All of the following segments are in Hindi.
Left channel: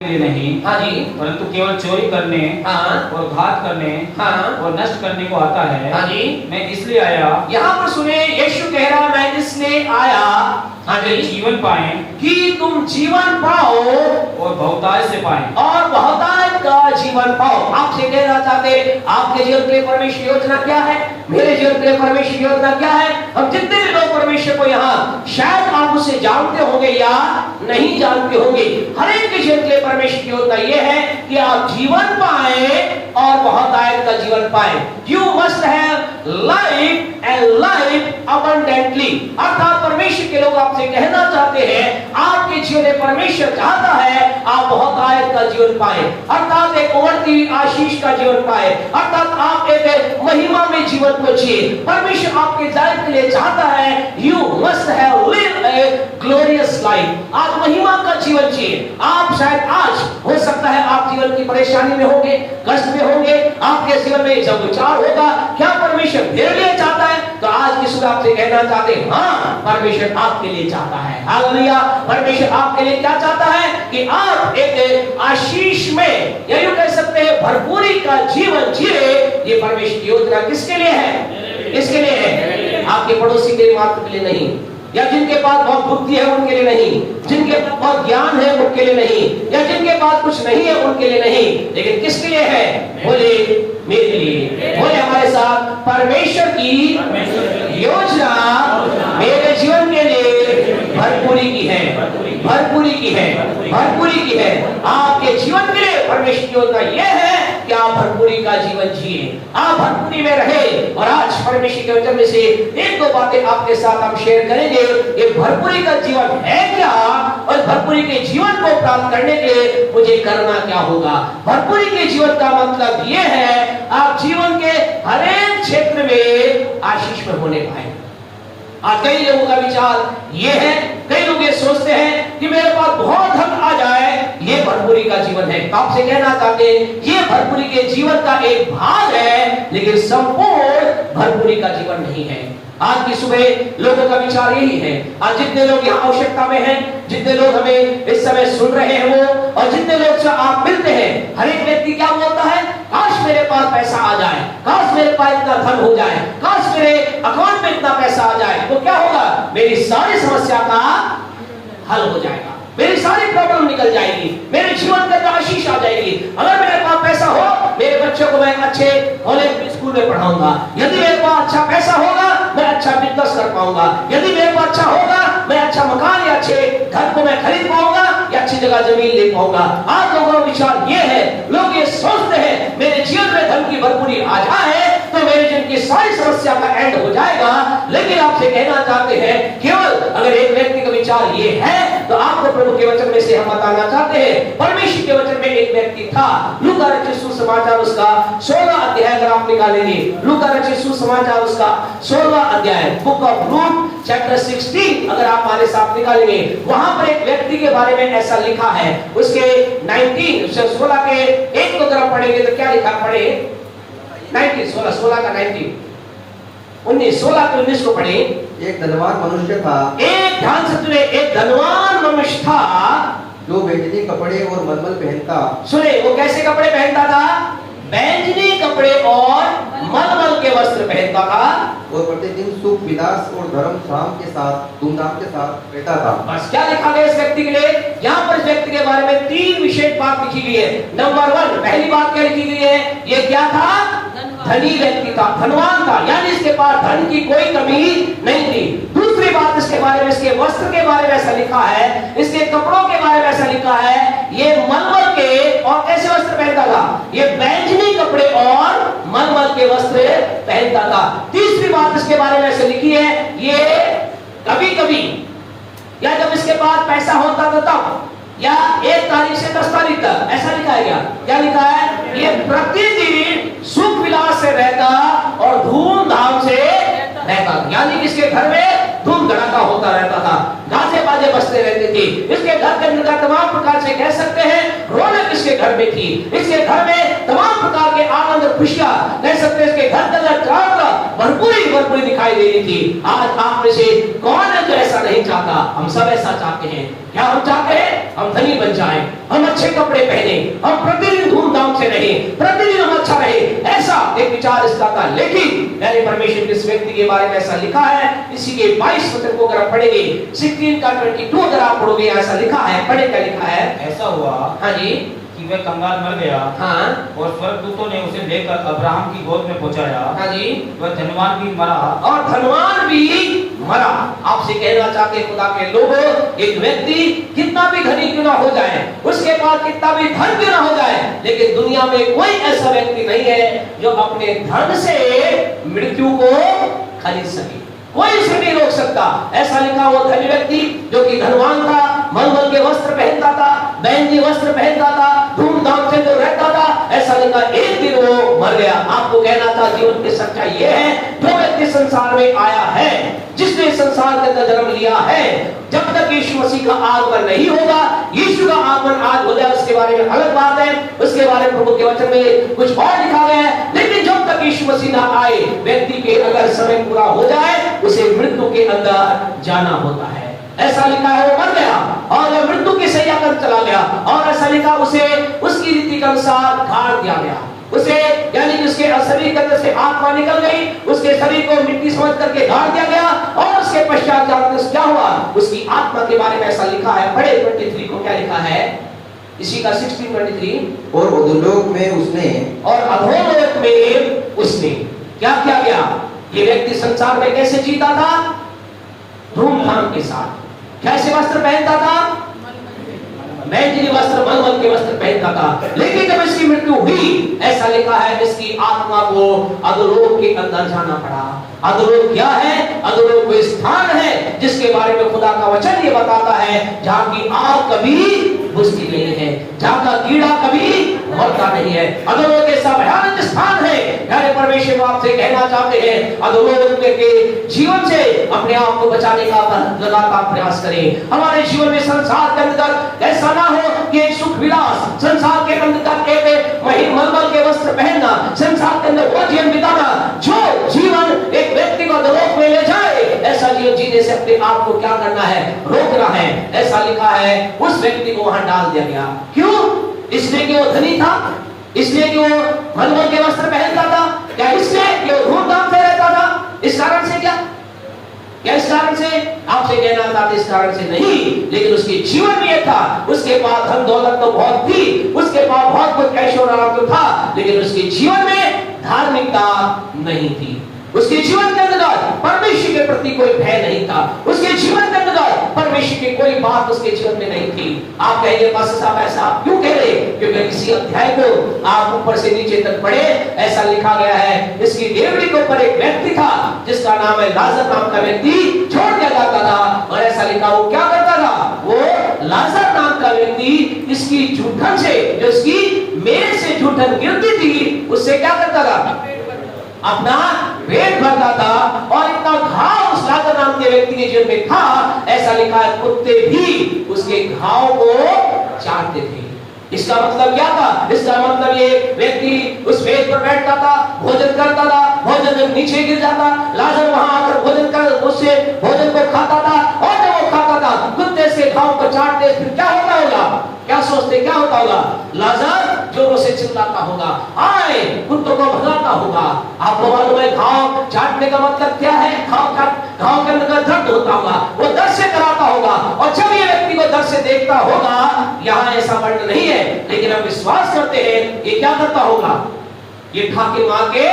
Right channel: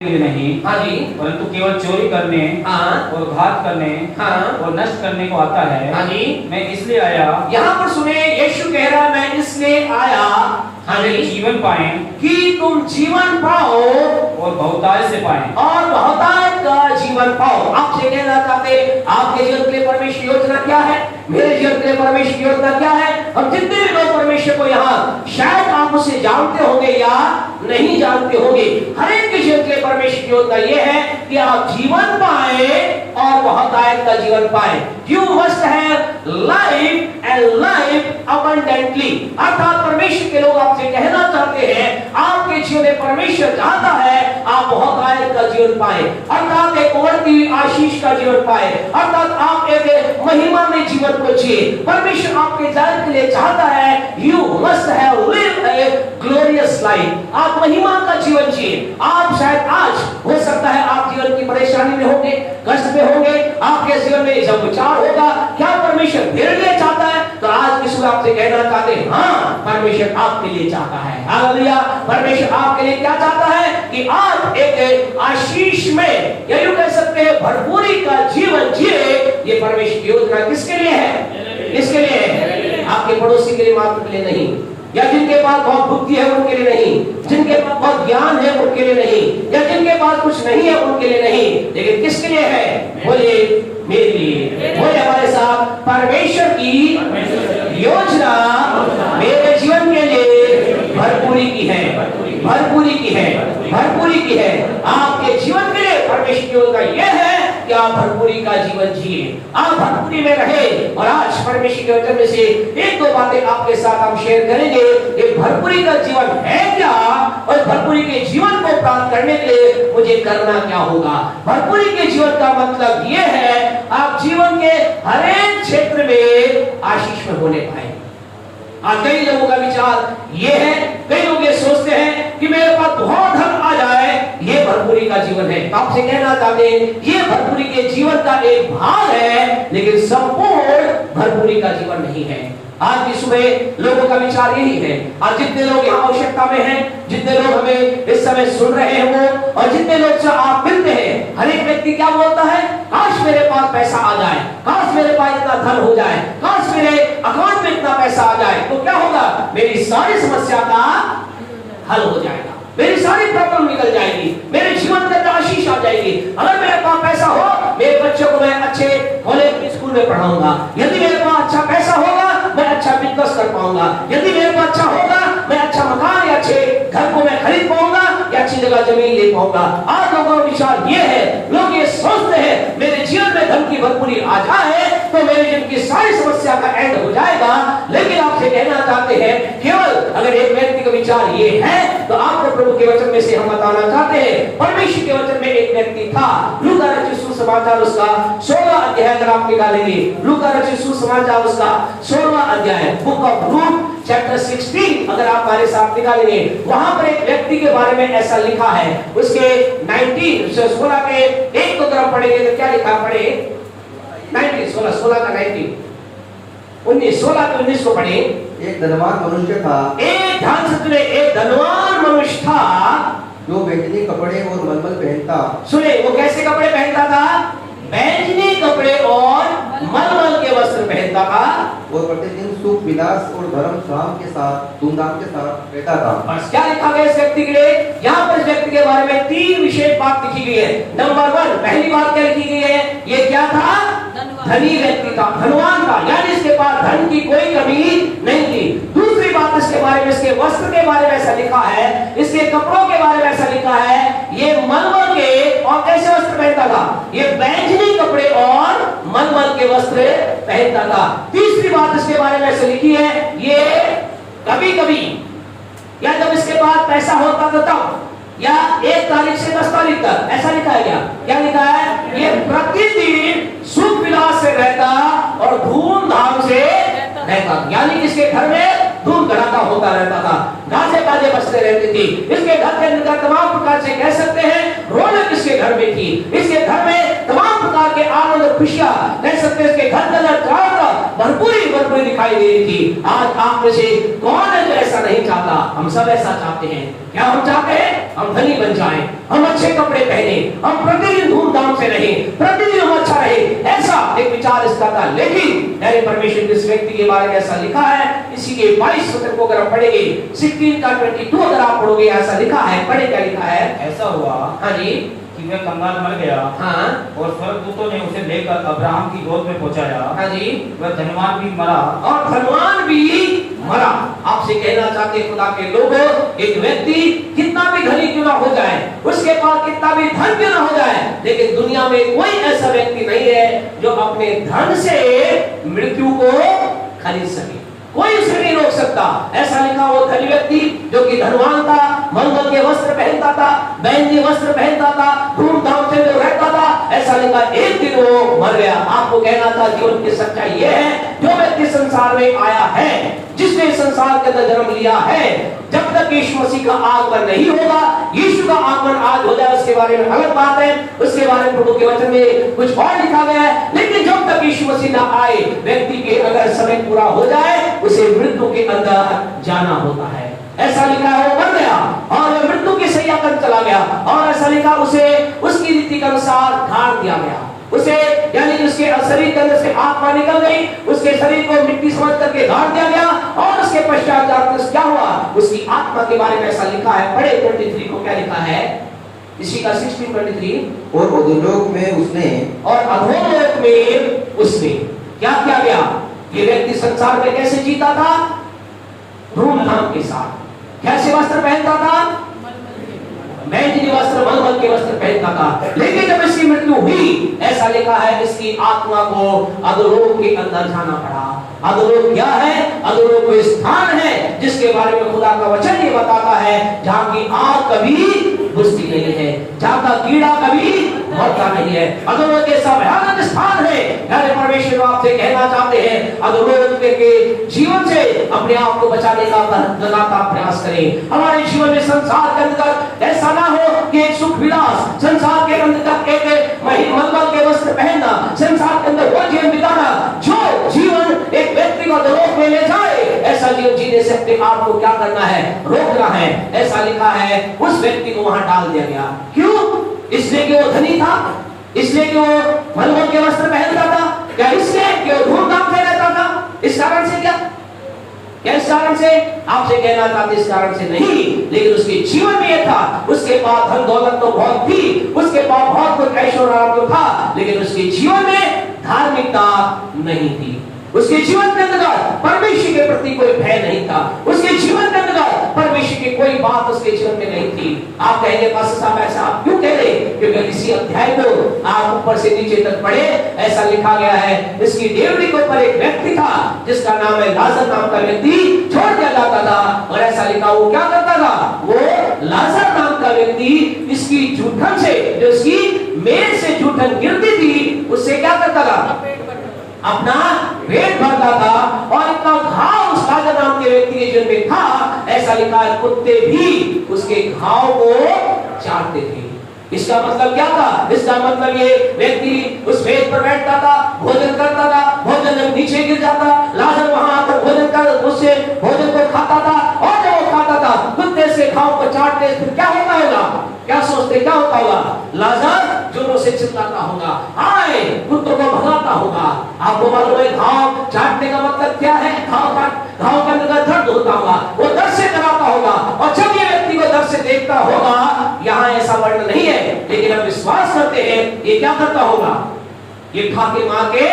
लिए नहीं, हाँ जी, परंतु केवल चोरी करने हाँ और घात करने हाँ और नष्ट करने को आता है। हाँ जी। मैं इसलिए आया यहाँ पर सुने, यीशु कह रहा है मैं इसलिए आया, हाँ कि जी, जीवन पाए कि तुम जीवन पाओ और बहुतायत से पाए। और बहुतायत का जीवन पाओ। आपसे कहना चाहते, आपके जीवन के लिए परमेश्वर योजना क्या है, मेरे जीवन के लिए परमेश्वर योजना क्या है। हम जितने भी लोग परमेश्वर को यहाँ शायद आप उसे जानते होंगे या नहीं जानते होंगे, हर एक के जीवन के लिए परमेश्वर की योजना ये है कि आप जीवन पाए और बहुतायत का जीवन पाए। You must have life and life abundantly. अर्थात परमेश्वर के लोग आपसे कहना चाहते हैं आपके जीवन में परमेश्वर चाहता है आप बहुतायत का जीवन पाए, अर्थात एक उमड़ती हुई आशीष का जीवन पाए, अर्थात आप एक महिमा में जीवन को जिए। परमेश्वर आपके लाइफ के लिए चाहता है you must have live a glorious life. आप महिमा का जीवन जिए। आप शायद आज हो सकता है आप जीवन की परेशानी में होंगे, कष्ट में होंगे, आपके जीवन में जब विचार होगा क्या परमेश्वर मेरे लिए चाहता है, तो आज की सुबह आपसे कहना चाहते हैं हाँ परमेश्वर आपके लिए चाहता है। हालेलुया। परमेश्वर आपके लिए क्या चाहता है कि आप एक आशीष में या यूं कह सकते हैं भरपूरी का जीवन जिए। ये परमेश्वर की योजना किसके लिए है? किसके लिए है? आपके पड़ोसी के लिए मात्र के लिए नहीं, या जिनके पास बहुत बुद्धि है उनके लिए नहीं, जिनके पास बहुत ज्ञान है उनके लिए नहीं, या जिनके पास कुछ नहीं है उनके लिए नहीं, लेकिन किसके लिए है? बोले मेरे लिए। बोले हमारे साथ, परमेश्वर की योजना मेरे जीवन के लिए भरपूरी की है, भरपूरी की है, भरपूरी की है। आपके जीवन के लिए परमेश्वर की योजना यह है कि आप भरपूरी का जीवन जिए, आप भरपूरी में रहे। और आज परमेश्वर के वचन में से एक दो बातें आपके साथ हम शेयर करेंगे। ये भरपूरी का जीवन है क्या, और भरपूरी के जीवन को प्राप्त करने के लिए मुझे करना क्या होगा। भरपूरी के जीवन का मतलब ये है आप जीवन के हर एक क्षेत्र में आशीष में होने पाए। आज कई लोगों का विचार ये है, कई लोग ये सोचते हैं कि मेरे पास बहुत धन आ जाए, ये भरपूरी का जीवन है। आपसे कहना चाहते हैं ये भरपूरी के जीवन का एक भाग है, लेकिन संपूर्ण भरपूरी का जीवन नहीं है। आज की सुबह लोगों का विचार यही है। आज जितने लोग यहाँ आवश्यकता में हैं, जितने लोग हमें इस समय सुन रहे हैं वो, और जितने लोग से आप मिलते हैं, हर एक व्यक्ति क्या बोलता है, काश मेरे पास पैसा आ जाए, काश मेरे पास इतना धन हो जाए, काश मेरे अकाउंट में इतना पैसा आ जाए, तो क्या होगा, मेरी सारी समस्या का हल हो जाएगा, मेरी सारी प्रॉब्लम निकल जाएगी, मेरे जीवन में आशीष आ जाएगी। अगर मेरे पास पैसा हो, मेरे बच्चों को मैं अच्छे भले स्कूल में पढ़ाऊंगा, यदि मेरे पास अच्छा पैसा होगा मैं अच्छा बिजनेस कर पाऊंगा, यदि मेरे पास अच्छा होगा मैं अच्छा मकान या अच्छे घर को मैं खरीद पाऊंगा या अच्छी जगह जमीन ले पाऊंगा। आज लोगों का विचार ये है, लोग ये सोचते हैं मेरे जीवन में धन की भरपूरी आ जाए तो मेरे जीवन की सारी समस्या का एंड हो जाएगा। लेकिन आपसे कहना चाहते हैं केवल अगर एक व्यक्ति का विचार ये है तो आपको प्रभु के वचन में से हम बताना चाहते हैं। परमेश्वर के वचन में एक व्यक्ति था, लूका रचित सुसमाचार उसका 16 अध्याय अगर आप निकालेंगे, लूका रचित सुसमाचार उसका 16 अध्याय, बुक ऑफ लूक चैप्टर 16 अगर आप हमारे साथ निकालेंगे, वहां पर एक व्यक्ति के बारे में ऐसा लिखा है। उसके 16 के एक को अगर आप पढ़ेंगे तो क्या लिखा, पढ़े 16 का 16 के 19 को पढ़े। एक धनवान मनुष्य था, एक ध्यान से सुने, एक धनवान मनुष्य था जो बैंगनी कपड़े और मलमल पहनता। सुने, वो कैसे कपड़े पहनता था? बैंगनी कपड़े और मलमल के वस्त्र पहनता था, और प्रतिदिन सुख विलास और धर्म श्राम के साथ धूमधाम के साथ रहता था। बस क्या लिखा गया इस व्यक्ति के लिए? यहाँ पर इस व्यक्ति के बारे में 3 विशेष बात लिखी गई है। नंबर 1, पहली बात क्या लिखी गई है? ये क्या था? धनी व्यक्ति था, धनवान था, यानी इसके पास धन की कोई कमी नहीं थी। दूसरी बात इसके बारे में, इसके वस्त्र के बारे में ऐसा लिखा है, इसके कपड़ों के बारे में ऐसा लिखा है, ये मलमल के और कैसे वस्त्र पहनता था? ये बैंगनी कपड़े और मलमल के वस्त्र पहनता था। तीसरी बात इसके बारे में ऐसे लिखी है, ये कभी कभी या जब इसके पास पैसा होता था तब, या 1 तारीख से 10 तारीख तक, ऐसा लिखा है क्या? क्या लिखा है? ये प्रतिदिन सुख विलास से रहता और धूमधाम से रहता, यानी इसके घर में धूम धड़ाका होता रहता था, गाजे बाजे बजते रहते थे। इसके घर के अंदर तमाम प्रकार से कह सकते हैं रौनक इसके घर में थी, इसके घर में तमाम प्रकार के आनंद खुशियां, कह सकते हैं इसके घर के अंदर भरपूरी दिखाई दे रही थी। आज आप में से कौन है जो ऐसा नहीं चाहता? हम सब ऐसा चाहते हैं। क्या हम चाहते हैं? हम धनी बन जाएं, हम अच्छे कपड़े पहने, हम प्रतिदिन धूमधाम से रहें, प्रतिदिन हम अच्छा रहे, ऐसा एक विचार इसका था। लेकिन यानी परमेश्वर इस व्यक्ति के बारे में ऐसा लिखा है, इसी के 22 पद को अगर आप पढ़ेंगे 16 का 22 अगर आप पढ़ोगे, ऐसा लिखा है, पढ़े क्या लिखा है? ऐसा हुआ हाँ जी, कि वह कंगाल मर गया हाँ और स्वर्गदूतों ने उसे लेकर अब्राहम की गोद में पहुंचाया। हाँ जी, वह धनवान भी मरा और धनवान भी मरा। आपसे कहना चाहते हैं खुदा के लोगों, एक व्यक्ति कितना भी धनी क्यों ना हो जाए, उसके पास कितना भी धन क्यों ना हो जाए, लेकिन दुनिया में कोई ऐसा व्यक्ति नहीं है जो अपने धन से मृत्यु को खरीद सके। कोई उसे नहीं रोक सकता। ऐसा लिखा वो धनी व्यक्ति जो कि धनवान था, मलमल के वस्त्र पहनता था, बैंजी वस्त्र पहनता था, धूमधाम से जो रहता था, ऐसा लिखा एक दिन वो मर गया। आपको कहना था जीवन की सच्चाई ये है, जो व्यक्ति संसार में आया है, जिसने संसार के अंदर जन्म लिया है, जब तक यीशु मसीह का आगमन नहीं होगा, यीशु का आगमन आज हो जाए उसके बारे में अलग बात है, उसके बारे में प्रभु के वचन में कुछ और लिखा गया है। लेकिन जब तक यीशु मसीह ना आए, व्यक्ति के अगर समय पूरा हो जाए, उसे मृत्यु के अंदर जाना होता है। ऐसा लिखा है वो मर गया और वह मृत्यु की शैया पर चला गया, और ऐसा लिखा उसे उसकी रीति के अनुसार गाड़ दिया गया। उसे यानी कि उसके शरीर के अंदर से आत्मा निकल गई, उसके शरीर को मिट्टी समझ करके गाड़ दिया गया, और उसके पश्चात क्या हुआ, उसकी आत्मा के बारे में ऐसा लिखा है। बड़े 23 को क्या लिखा है, इसी का 16:23, और अधोलोक में उसने क्या किया गया? ये व्यक्ति संसार में कैसे जीता था? धूमधाम के साथ। कैसे वस्त्र पहनता था? बैंजनी वस्त्र, मलमल के वस्त्र पहनता था। लेकिन जब इसकी मृत्यु हुई, ऐसा लिखा है इसकी आत्मा को अधोलोक के अंदर जाना पड़ा। अधोलोक क्या है? अधोलोक वो स्थान है जिसके बारे में खुदा का वचन ये बताता है, जहाँ की आग कभी बुझती नहीं है, जहाँ का कीड़ा कभी मरता नहीं है। अधोलोक ऐसा भयानक स्थान है। यानी परमेश्वर आपसे कहना चाहते हैं, अधोलोक के जीवन से अपने आप को बचाने का लगातार प्रयास करें। हमारे जीवन में संसार के अंदर ऐसा ना हो कि एक सुख विलास, संसार के अंदर एक महीन मलमल के वस्त्र पहनना, संसार के अंदर वो जीवन बिताना जो जीवन एक व्यक्ति को अधोलोक में ले जाए, ऐसा जीवन जीने से अपने आप को क्या करना है? रोकना है। ऐसा लिखा है उस व्यक्ति को वहां डाल दिया गया। क्यों? इसलिए कि वो धनी था, इसलिए कि वो मलमल के वस्त्र पहनता था, क्या इसलिए कि वो धूमधाम से रहता था? इस कारण से क्या? इस कारण से आपसे कहना था, इस कारण से नहीं, लेकिन उसके जीवन में यह था, उसके पास धन दौलत तो बहुत थी, उसके पास बहुत कुछ ऐश्वर्य तो था, लेकिन उसके जीवन में धार्मिकता नहीं थी। उसके जीवन के अंदर परमेश्वर के प्रति कोई भय नहीं था, उसके जीवन के अंदर परमेश्वर की कोई बात उसके जीवन में नहीं थी। आप कहेंगे पास्टर साहब ऐसा आप क्यों कह रहे? क्योंकि किसी अध्याय को आप ऊपर से नीचे तक पढ़े, ऐसा लिखा गया है, इसकी डेवढ़ी के ऊपर एक व्यक्ति था जिसका नाम है लाजर नाम का व्यक्ति छोड़ दिया जाता था, और ऐसा लिखा वो क्या करता था? वो लाजर नाम का व्यक्ति इसकी जूठन से, जो इसकी मेज से जूठन गिरती थी, उससे क्या करता था? अपना पेट भरता था, और इतना घाव उस लाजर नाम के व्यक्ति के जीवन में था, ऐसा लिखा है कुत्ते भी उसके घाव को चाटते थे। इसका मतलब क्या था? इसका मतलब ये व्यक्ति उस पेट पर बैठता था, भोजन करता था, भोजन जब नीचे गिर जाता, लाजर वहां आकर भोजन कर उससे भोजन को खाता था, और जब वो खाता था कुत्ते से घाव को चाटते, फिर क्या होता होगा? क्या सोचते क्या होता होगा? लाजर जोरों से चिल्लाता होगा, आए कुत्तों को भगाता होगा। आपको मालूम है घाव चाटने का मतलब क्या है? घाव के अंदर दर्द होता होगा, वो दर्द से कराता होगा, और जब ये व्यक्ति को दर्द से देखता होगा, यहाँ ऐसा वर्णन नहीं है, लेकिन हम विश्वास करते हैं ये क्या करता होगा? ये ठाके मार के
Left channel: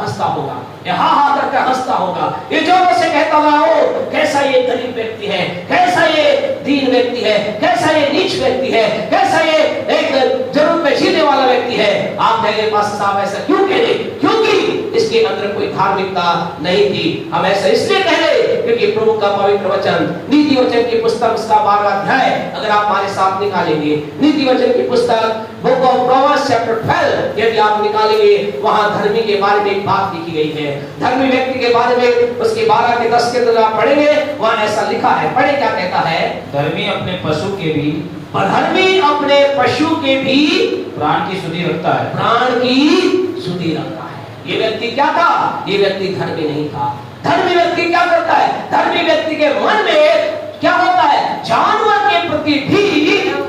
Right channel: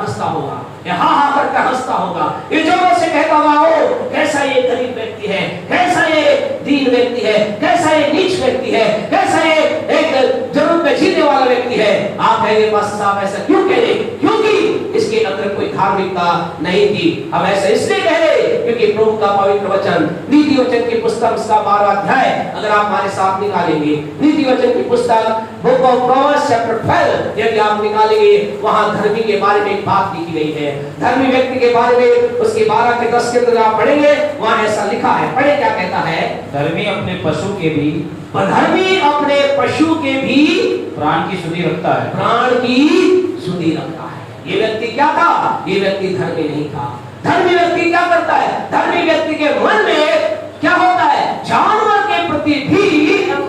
हंसता होगा, हा हा करके हंसता होगा, ये जोरों से कहता होगा, ओ कैसा ये गरीब व्यक्ति है, कैसा ये दीन व्यक्ति है, कैसा ये नीच व्यक्ति है, कैसा ये एक जरूरत में जीने वाला व्यक्ति है। आप कहेंगे पास्टर साहब ऐसा क्यों कह रहे? क्योंकि इसके अंदर कोई धार्मिकता नहीं थी। हम ऐसा इसलिए कह रहे क्योंकि प्रभु का पवित्र वचन, नीति वचन की पुस्तक उसका 12वां अध्याय अगर आप हमारे साथ निकालेंगे, नीति वचन की पुस्तक बुक ऑफ प्रोवर्ब्स चैप्टर 12 यदि आप निकालेंगे, वहां धर्मी के बारे में एक बात लिखी गई है। धर्मी व्यक्ति के बारे में उसके 12 के 10 के अंदर आप पढ़ेंगे, वहां ऐसा लिखा है। पढ़े क्या कहता है? धर्मी अपने पशु के भी, धर्मी अपने पशु के भी प्राण की सुधि रखता है, प्राण की सुधि रखता है। ये व्यक्ति क्या था? ये व्यक्ति धर्मी नहीं था। धर्मी व्यक्ति क्या करता है? धर्मी व्यक्ति के मन में क्या होता है? जानवर के प्रति भी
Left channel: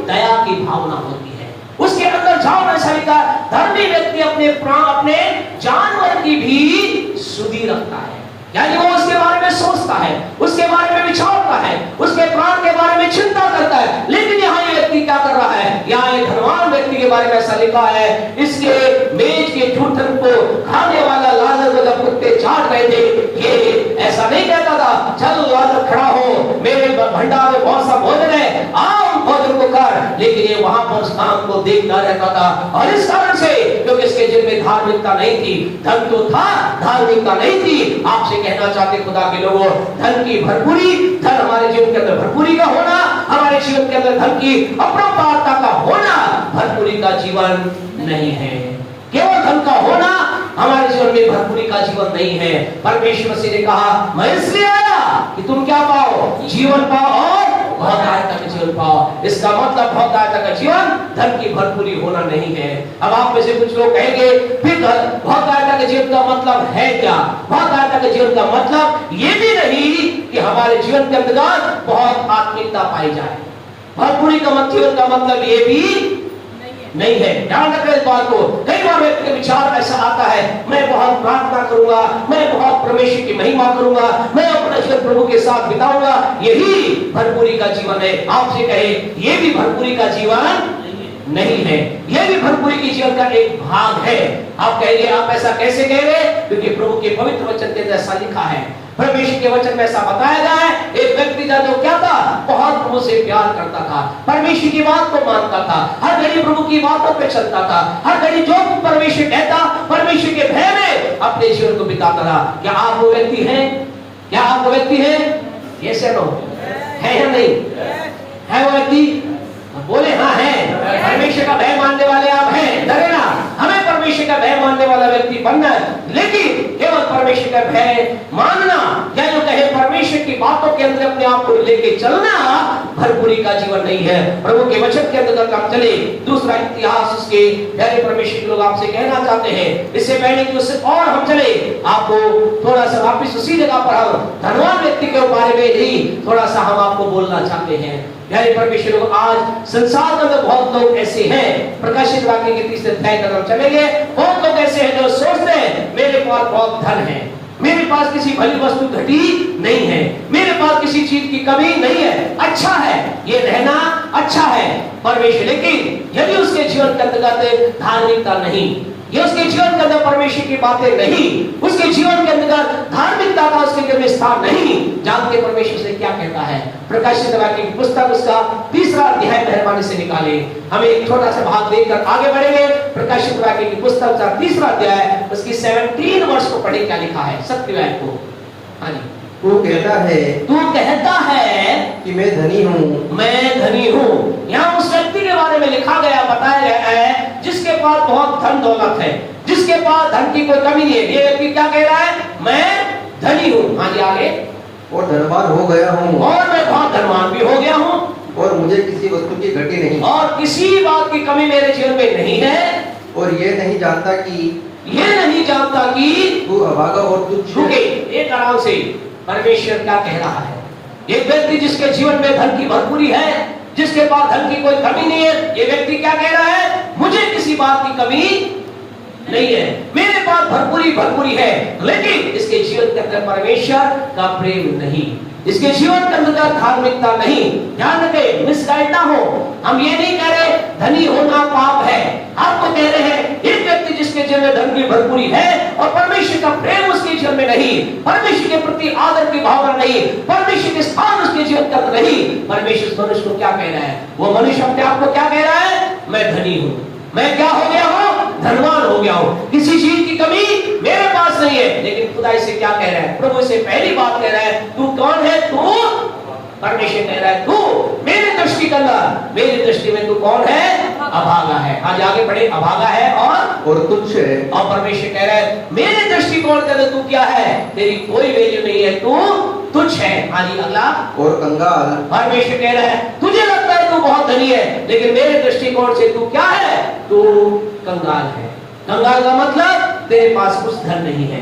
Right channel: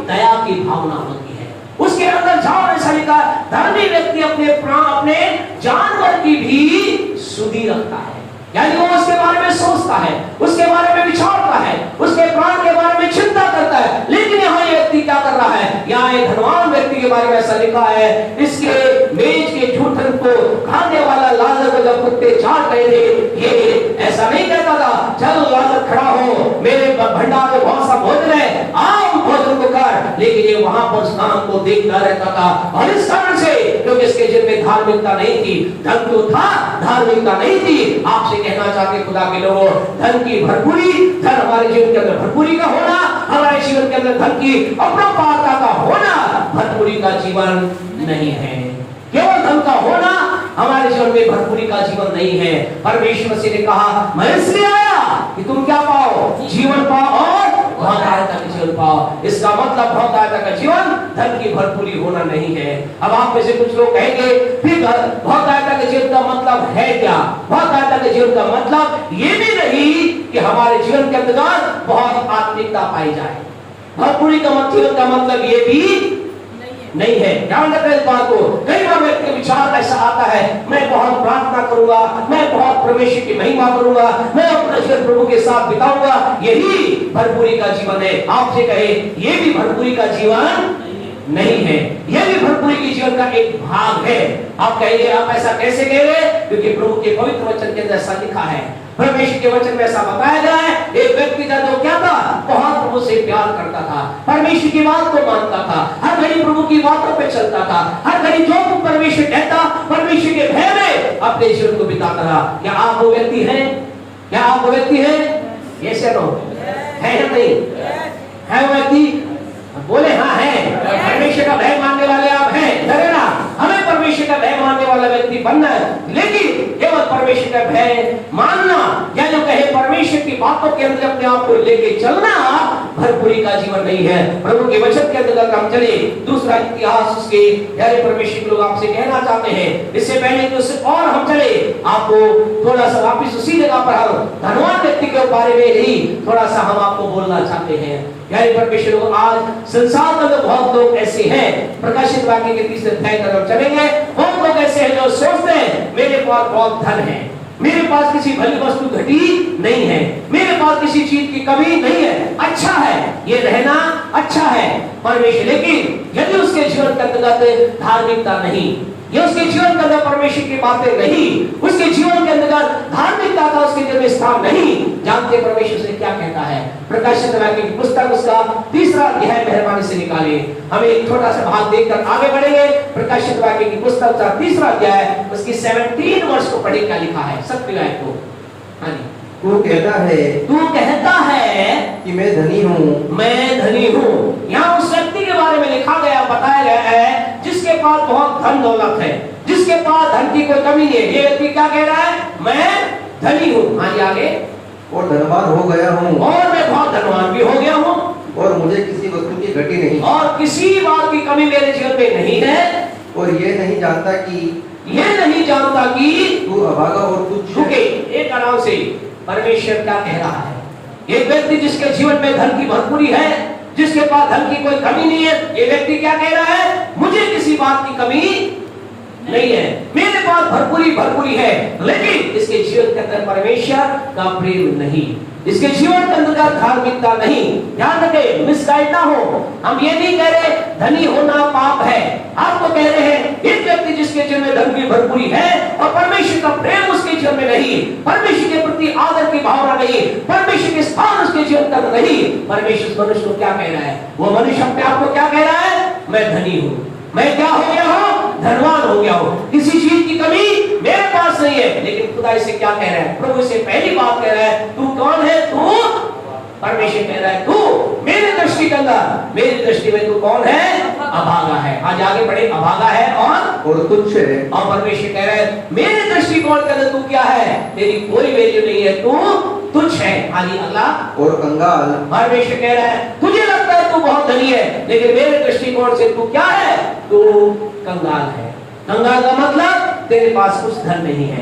दया की भावना होती है। उसके अंदर जानवर, ऐसा लिखा, धर्मी व्यक्ति अपने प्राण, अपने जानवर की भी सुधि रखता है। यानी वो उसके बारे में सोचता है, उसके बारे में विचारता है, उसके प्राण के बारे में चिंता करता है। लेकिन यहाँ ये व्यक्ति क्या कर रहा है? यहाँ एक धनवान व्यक्ति के बारे में ऐसा लिखा है, इसके मेज के जूठन को खाने वाला लाजर को जब कुत्ते चाट रहे थे, ये ऐसा नहीं कहता था चलो लाजर खड़ा हो, मेरे भंडार में बहुत सा भोजन है, आप भोजन को कर। लेकिन ये वहां पर उस काम को देखता रहता था। और इस कारण से, क्योंकि इसके जीवन में धार्मिकता नहीं थी, धन तो था, धार्मिकता नहीं थी। आपसे कहना चाहते खुदा के लोगों, धन की भरपूरी, धन हमारे जीवन के अंदर भरपूरी का होना, हमारे जीवन के अंदर धन की अपरंपारता का होना भरपूरी का जीवन नहीं है। केवल धन का होना हमारे जीवन में भरपूरी का जीवन नहीं है। परमेश्वर मसीह ने कहा, मैं इसलिए आया कि तुम क्या पाओ? जीवन पाओ और बहुत आयता का जीवन पाओ। इसका मतलब बहुत आयता का जीवन धन की भरपूरी होना नहीं है। अब आप में से कुछ लोग कहेंगे, फिर बहुत आयता के जीवन का मतलब है क्या? बहुत आयता के जीवन का मतलब ये भी नहीं कि हमारे जीवन के अंदर बहुत आत्मिकता पाई जाए। भरपूरी का जीवन का मतलब ये भी नहीं है। ध्यान रखें इस बात को। कई बार व्यक्ति के विचार ऐसा आता है, मैं बहुत प्रार्थना करूंगा, मैं बहुत परमेश्वर की महिमा करूंगा, मैं अपना जीवन प्रभु के साथ बिताऊंगा, यही भरपूरी का जीवन है। आपसे कहे, ये भी भरपूरी का जीवन नहीं है, यह भी भरपूरी के जीवन का एक भाग है। आप कहेंगे, आप ऐसा कैसे कह रहे? क्योंकि प्रभु के पवित्र वचन के अंदर ऐसा लिखा है, परमेश्वर के वचन में ऐसा बताया गया है। एक व्यक्ति था जो क्या था? बहुत प्रभु से प्यार करता था, परमेश्वर की बात को मानता था, हर घड़ी प्रभु की बातों पे चलता था, हर घड़ी जो परमेश्वर कहता, परमेश्वर के भय में अपने जीवन को बिताता रहा। क्या आप वो व्यक्ति हैं? क्या आप वो व्यक्ति हैं? ये से है या नहीं है? वो व्यक्ति बोले हाँ है। परमेश्वर का भय मानने वाले आप हैं, लगे ना? हमें परमेश्वर का भय मानने वाला व्यक्ति बनना है। लेकिन केवल परमेश्वर का भय मानना या जो कहे परमेश्वर की बातों के अंदर अपने आप को लेके चलना भरपूरी का जीवन नहीं है। प्रभु के वचन के अंदर हम चले, दूसरा इतिहास उसके प्यारे परमेश्वर के लोग आपसे कहना चाहते हैं। इससे पहले कि उससे और हम चले, आपको थोड़ा सा वापिस उसी जगह पर हम धनवान व्यक्ति के बारे में नहीं थोड़ा सा हम आपको बोलना चाहते हैं। प्यारे परमेश्वर लोग, आज संसार में तो बहुत लोग ऐसे हैं, प्रकाशित वाक्य के तीसरे अध्याय की तरफ चलेंगे। बहुत लोग ऐसे हैं जो सोचते हैं मेरे पास बहुत धन है, मेरे पास किसी भली वस्तु घटी नहीं है, मेरे पास किसी चीज की कमी नहीं है, अच्छा है ये रहना, अच्छा है परमेश्वर। लेकिन यदि उसके जीवन के अंदर धार्मिकता नहीं, ये उसके जीवन के अंदर परमेश्वर की बातें नहीं, उसके जीवन के अंदर धार्मिकता का उसके जीवन में स्थान नहीं, जानते परमेश्वर से क्या कहता है? प्रकाशित वाक्य की पुस्तक उसका तीसरा अध्याय मेहरबानी से निकाले। हम एक छोटा सा भाग देखकर आगे बढ़ेंगे। प्रकाशित वाक्य की पुस्तक का तीसरा अध्याय उसकी 17 वर्ष को पढ़े, क्या लिखा है 7वें आयत को। हाँ जी। तू कहता है कि मैं धनी हूँ, मैं धनी हूँ। यहाँ उस व्यक्ति के बारे में लिखा गया, बताया गया है जिसके पास बहुत धन दौलत है, जिसके पास धन की कोई कमी नहीं है। ये व्यक्ति क्या कह रहा है? मैं धनी हूँ। हाँ जी, आगे। और धनवान हो गया हूँ, और मैं बहुत धनवान भी हो गया हूँ, और मुझे किसी वस्तु की घटी नहीं, और किसी बात की कमी मेरे जीवन में नहीं है। और ये नहीं जानता कि तू अभागा और तुच्छ है। एक आराम से परमेश्वर क्या कह रहा है? एक व्यक्ति जिसके जीवन में धन की भरपूरी है, जिसके पास धन की कोई कमी नहीं है, ये व्यक्ति क्या कह रहा है? मुझे किसी बात की कमी नहीं है, मेरे पास भरपूरी है। लेकिन इसके जीवन के अंदर परमेश्वर का प्रेम नहीं, इसके जीवन के अंदर धार्मिकता नहीं। ध्यान रखें, मिसगाइड ना हो। हम ये नहीं कह रहे धनी होना पाप है, हम तो कह रहे हैं एक व्यक्ति जिसके जीवन में धन की भरपूरी है और परमेश्वर का प्रेम उसके जीवन में नहीं, परमेश्वर के प्रति आदर की भावना नहीं, परमेश्वर के स्थान उसके जीवन का नहीं, परमेश्वर मनुष्य को क्या कह रहा है? वो मनुष्य अपने आप को क्या कह रहा है? मैं धनी हूँ, मैं क्या हो गया हूँ? धनवान हो गया हूँ, किसी चीज की कमी मेरे पास नहीं है। लेकिन खुदा इसे क्या कह रहा है? प्रभु इसे पहली बात कह रहा है, तू कौन है? तू परमेश्वर कह रहा है, तू मेरी दृष्टि के अंदर, मेरी दृष्टि में तू कौन है? अभागा है। आज आगे बढ़े, अभागा है और तुच्छ है। और परमेश्वर कह रहा है मेरी दृष्टिकोण के अंदर तू क्या है? तेरी कोई वैल्यू नहीं है, तू तुच्छ है। आगे अगला, और कंगाल। परमेश्वर कह रहा है तुझे लगता है तू बहुत धनी है, लेकिन मेरे दृष्टिकोण से तू क्या है? तू कंगाल है। कंगाल का मतलब तेरे पास कुछ धन नहीं है।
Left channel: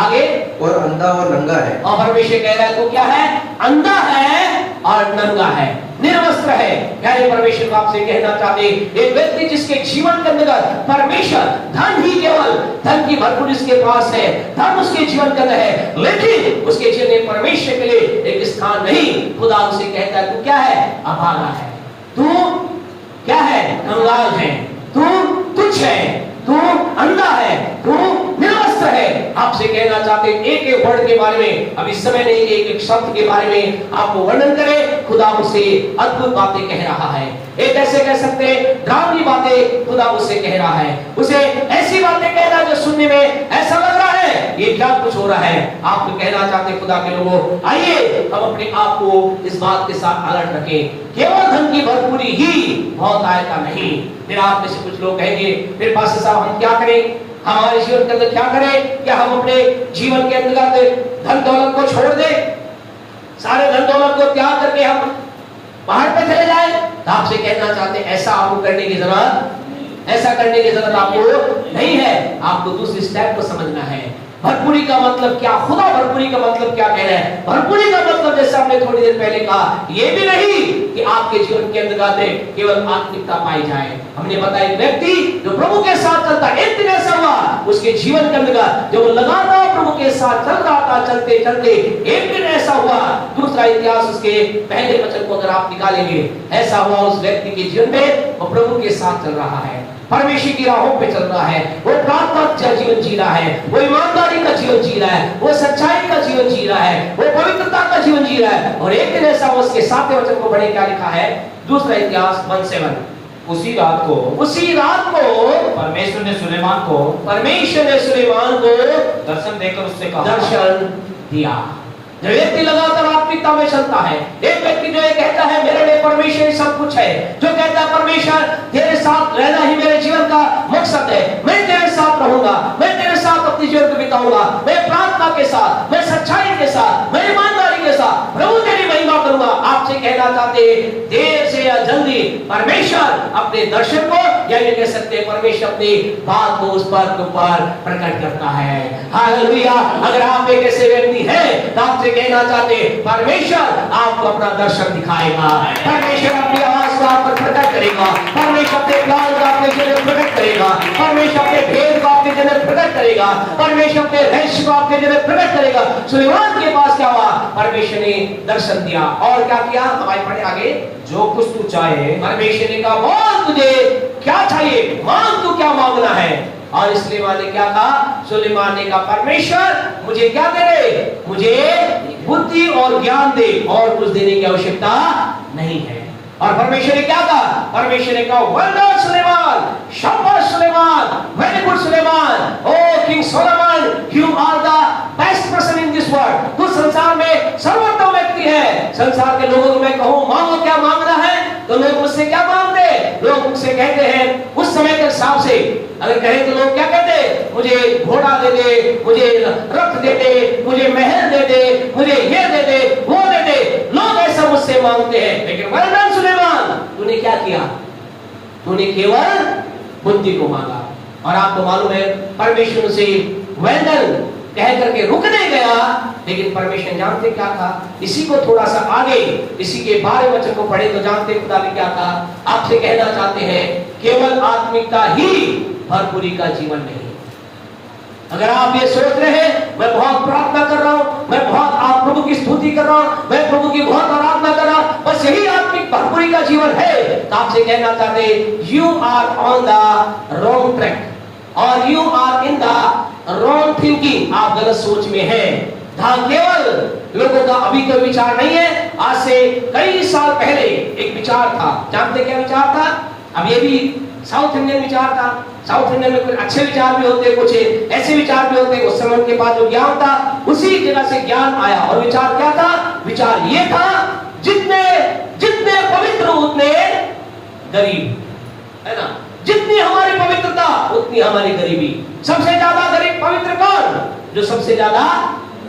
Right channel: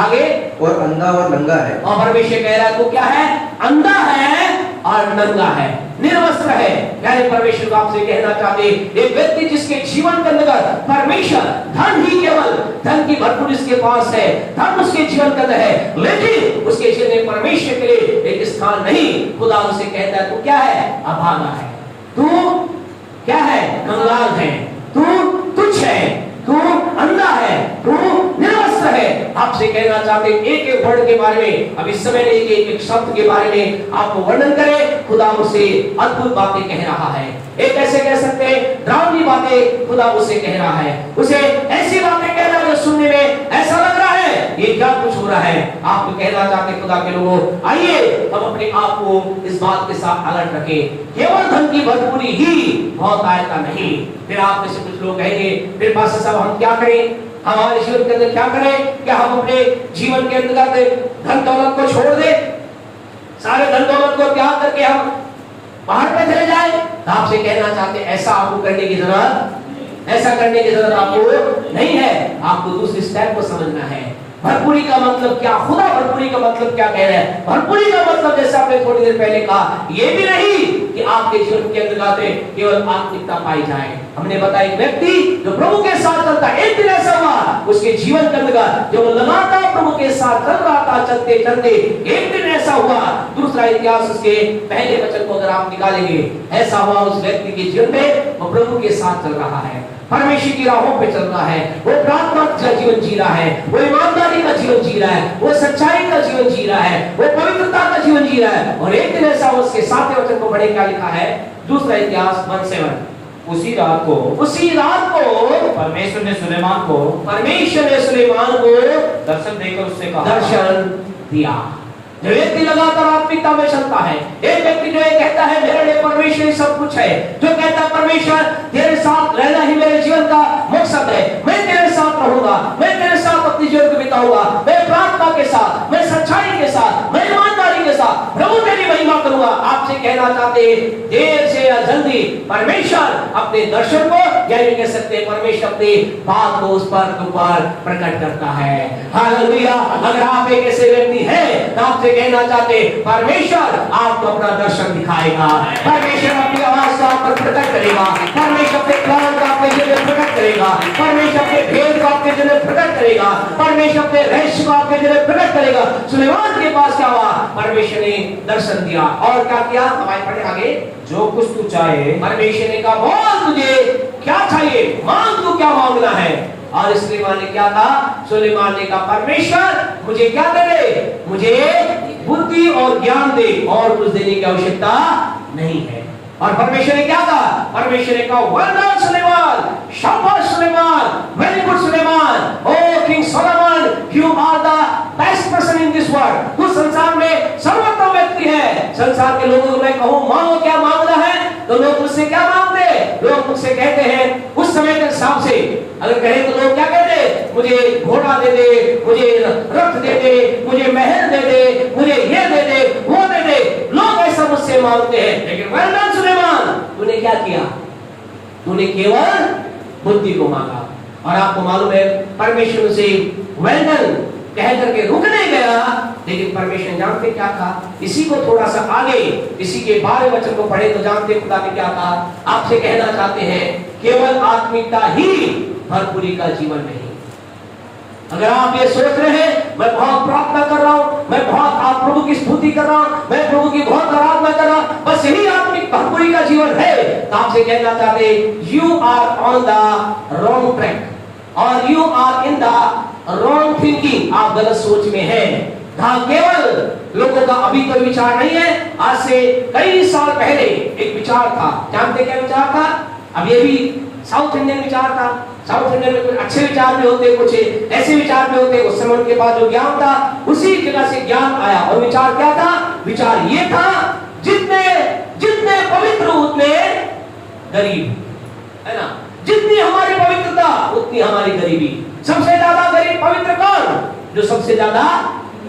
आगे और अंधा और नंगा है। और परमेश्वर कह रहा है तू क्या है? अंधा है और नंगा है, निर्वस्त्र है। यानी परमेश्वर को आपसे कहना चाहते एक व्यक्ति जिसके जीवन के अंदर परमेश्वर धन ही केवल धन की भरपूर इसके पास है, धन उसके जीवन के अंदर है, लेकिन उसके जीवन में परमेश्वर के लिए एक स्थान नहीं। खुदा उसे कहता है तू क्या है? अभागा है, तू क्या है? कंगाल है, तू तुच्छ है, तू अंधा है, तू निर्वस्त्र है। आपसे कहना चाहते एक एक वर्ड के बारे में, अब इस समय नहीं एक एक शब्द के बारे में आपको वर्णन करें। खुदा उसे अद्भुत बातें कह रहा है, एक ऐसे कह सकते हैं डरावनी बातें खुदा उसे कह रहा है, उसे ऐसी बातें कह रहा है जो सुनने में ऐसा लग रहा है ये क्या कुछ हो रहा है। आप कहना चाहते खुदा के लोगों आइए हम अपने आप को इस बात के साथ अलर्ट रखें, केवल धन की भरपूरी ही बहुत आयता नहीं। फिर आप में से कुछ लोग कहेंगे फिर पास्टर साहब हम क्या करें, हमारे जीवन के अंदर क्या करें? क्या हम अपने जीवन के अंतर्गत धन दौलत को छोड़ दें, सारे धन दौलत को त्याग करके हम पहाड़ पे चले जाए? तो आपसे कहना चाहते ऐसा आपको करने की जरूरत, ऐसा करने की जरूरत आपको नहीं है। आपको दूसरी स्टेप को समझना है। भरपूरी का मतलब क्या? खुदा भरपूरी का मतलब क्या कह रहे हैं? भरपूरी का मतलब जैसे आपने थोड़ी देर पहले कहा ये भी नहीं कि आपके जीवन के अंदर केवल आत्मिकता पाई जाए। हमने बताया एक व्यक्ति जो प्रभु के साथ चलता, एक दिन ऐसा हुआ उसके जीवन के अंदर जो लगातार प्रभु के साथ चल रहा था, चलते चलते एक दिन ऐसा हुआ, दूसरा इतिहास उसके पहले वचन को अगर आप निकालेंगे, ऐसा हुआ उस व्यक्ति के जीवन में वो प्रभु के साथ चल रहा है, परमेश्वर की राहों पे चल रहा है, वो प्रार्थना का जीवन जी रहा है, वो ईमानदारी का जीवन जी रहा है, वो सच्चाई का जीवन जी रहा है, वो पवित्रता का जीवन जी रहा है। और एक दिन ऐसा उसके 7वें वचन को पढ़े क्या लिखा है? दूसरा इतिहास 1:7। उसी रात को परमेश्वर ने सुलेमान को दर्शन देकर उससे कहा, दर्शन दिया। जो व्यक्ति लगातार आत्मिकता में चलता है, एक व्यक्ति जो ये कहता है मेरे लिए परमेश्वर सब कुछ है, जो कहता है परमेश्वर तेरे साथ रहना ही मेरे जीवन का मकसद है, मैं तेरे साथ रहूंगा, मैं तेरे साथ अपनी जीवन को बिताऊंगा, मैं प्रार्थना के साथ, मैं सच्चाई के साथ, मैं ईमानदारी के साथ प्रभु तेरी महिमा करूंगा। आपसे कहना चाहते देर से या जल्दी परमेश्वर अपने दर्शन को या ये कह सकते हैं परमेश्वर अपनी बात को उस पर प्रकट करता है। हालेलुया। अगर आप एक ऐसे व्यक्ति हैं तो आपसे कहना चाहते परमेश्वर आपको अपना दर्शन दिखाएगा, परमेश्वर अपनी आवाज को आप पर प्रकट करेगा, परमेश्वर अपने प्लान को आपके जरिए प्रकट करेगा, परमेश्वर अपने भेद को आपके जरिए प्रकट करेगा, परमेश्वर अपने रहस्य को आपके जरिए प्रकट करेगा। सुलेमान के पास क्या हुआ? परमेश्वर ने दर्शन दिया और क्या किया? हमारे पढ़े आगे, जो कुछ तू चाहे। परमेश्वर ने कहा बोल तुझे क्या चाहिए, मांग तू क्या मांगना है। और इसलिए ने क्या कहा? सुलेमान ने कहा परमेश्वर मुझे क्या दे रहे? मुझे बुद्धि और ज्ञान दे, और कुछ देने की आवश्यकता नहीं है। और परमेश्वर ने क्या कहा? परमेश्वर ने कहा वेल डन सुलेमान, शाबाश Suleman, very good Suleman, oh king Solomon, you are the best person in this world. तू संसार में सर्वोत्तम व्यक्ति है। संसार के लोगों को मैं कहूं मांगो क्या मांगना है, तो लोग मुझसे क्या मांगते हैं? लोग मुझसे कहते हैं उस समय के हिसाब से अगर कहे तो लोग क्या कहते हैं? मुझे घोड़ा दे दे, मुझे रथ दे दे, मुझे महल दे दे, मुझे ये दे दे, वो दे दे। लोग ऐसा मुझसे मांगते हैं, लेकिन वेल डन सुलेमान, तूने क्या किया? तूने केवल बुद्धि को मांगा। और आपको मालूम है परमेश्वर से वेल डन कह करके रुकने गया, लेकिन परमेश्वर जानते क्या था? इसी को थोड़ा सा आगे इसी के 12वें वचन को पढ़े तो जानते खुदा ने क्या कहा? आपसे कहना चाहते हैं केवल आत्मिकता ही भरपूरी का जीवन नहीं। अगर आप ये सोच रहे हैं मैं बहुत प्रार्थना कर रहा हूं, मैं बहुत आप प्रभु की स्तुति कर रहा हूं, मैं प्रभु की बहुत आराधना कर रहा हूं, बस यही आत्मिक भरपूरी का जीवन है, तो आपसे कहना चाहते you are on the wrong track और you are in the wrong thinking. आप गलत सोच में हैं, जहां केवल लोगों का अभी तो विचार नहीं है। आज से कई साल पहले एक विचार था, जानते क्या विचार था? अब ये भी साउथ इंडियन विचार था। साउथ इंडियन में कुछ अच्छे विचार भी होते, कुछ ऐसे विचार भी होते। उस समय के पास जो ज्ञान था उसी जगह से ज्ञान आया। और विचार क्या था? विचार ये था जितने जितने पवित्र उतने गरीब, है ना? जितनी हमारी पवित्रता उतनी हमारी गरीबी। सबसे ज्यादा गरीब पवित्र कौन? जो सबसे ज्यादा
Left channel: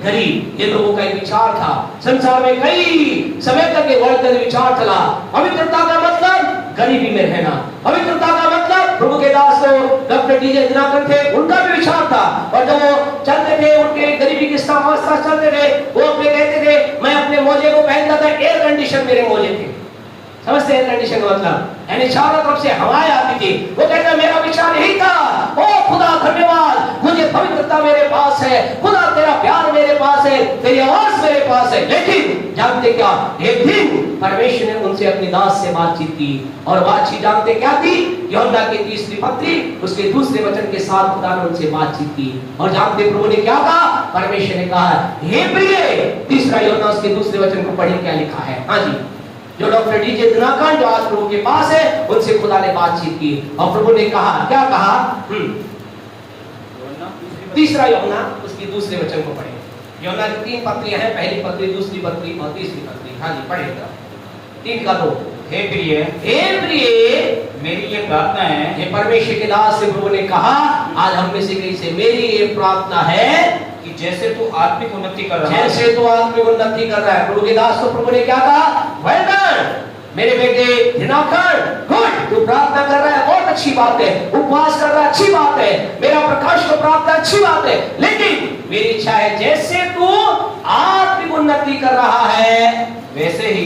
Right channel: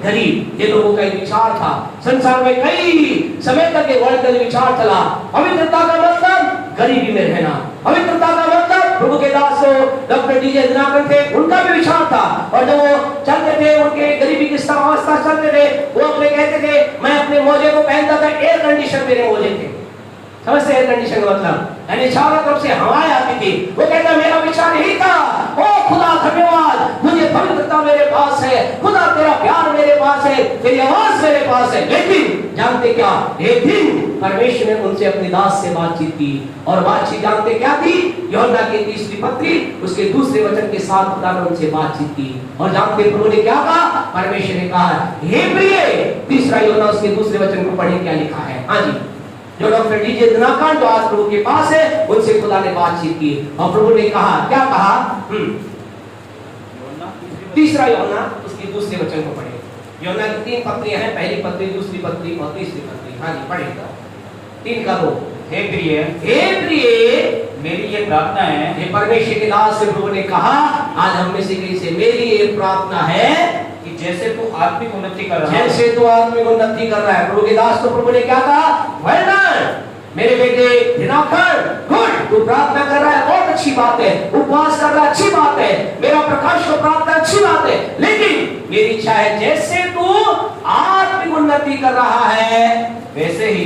गरीब। ये लोगों का एक विचार था। संसार में कई समय तक ये वर्ल्ड विचार चला। पवित्रता का मतलब गरीबी में रहना, पवित्रता का मतलब प्रभु के दास तो डॉक्टर डीजे दिनाकर थे, उनका भी विचार था। और जब वो चलते थे, उनके गरीबी की अवस्था चलते थे, वो अपने कहते थे मैं अपने मोजे को पहनता था, एयर कंडीशन मेरे मोजे थे। समझते एयर कंडीशन का मतलब, यानी चारों तरफ से हवाएं आती थी। वो कहता मेरा विचार यही था, ओ खुदा धन्यवाद, मुझे पवित्रता मेरे पास है, खुदा तेरा प्यार मेरे पास है, तेरी आवाज मेरे पास है। लेकिन जानते क्या, एक दिन परमेश्वर ने उनसे अपनी दास से बातचीत की, और बातचीत जानते क्या थी? यूहन्ना की 3री पत्री उसके 2 वचन के साथ खुदा ने उनसे बातचीत की। और जानते प्रभु ने क्या कहा? परमेश्वर ने कहा, हे प्रिय, 3 यूहन्ना उसके 2 वचन को पढ़े, क्या लिखा है? हाँ जी, जो डॉक्टर डीजे दिनाकर जो आज प्रभु के पास है, उनसे खुदा ने बातचीत की, और प्रभु ने कहा, क्या कहा? 3 यूहन्ना उसकी 2 वचन को पढ़े। यूहन्ना की 3 पत्रियां हैं, पहली पत्री, 2री पत्री और 3री पत्री। हाँ जी, पढ़ेगा 3 का 2। हे प्रिय, मेरी ये प्रार्थना है, हे परमेश्वर के दास से प्रभु ने कहा, आज हम में से कहीं से मेरी ये प्रार्थना है कि जैसे तू आत्मिक उन्नति कर रहा है, जैसे तू आत्मिक उन्नति कर रहा है। प्रभु के दास को प्रभु ने क्या कहा? वेल डन मेरे बेटे दिनाकर, गुड, तू प्रार्थना कर रहा है, बहुत अच्छी बात है, उपवास कर रहा है, अच्छी बात है, मेरा प्रकाश को प्राप्त है, अच्छी बात है। लेकिन मेरी इच्छा है जैसे तू आत्मिक उन्नति कर रहा है, वैसे ही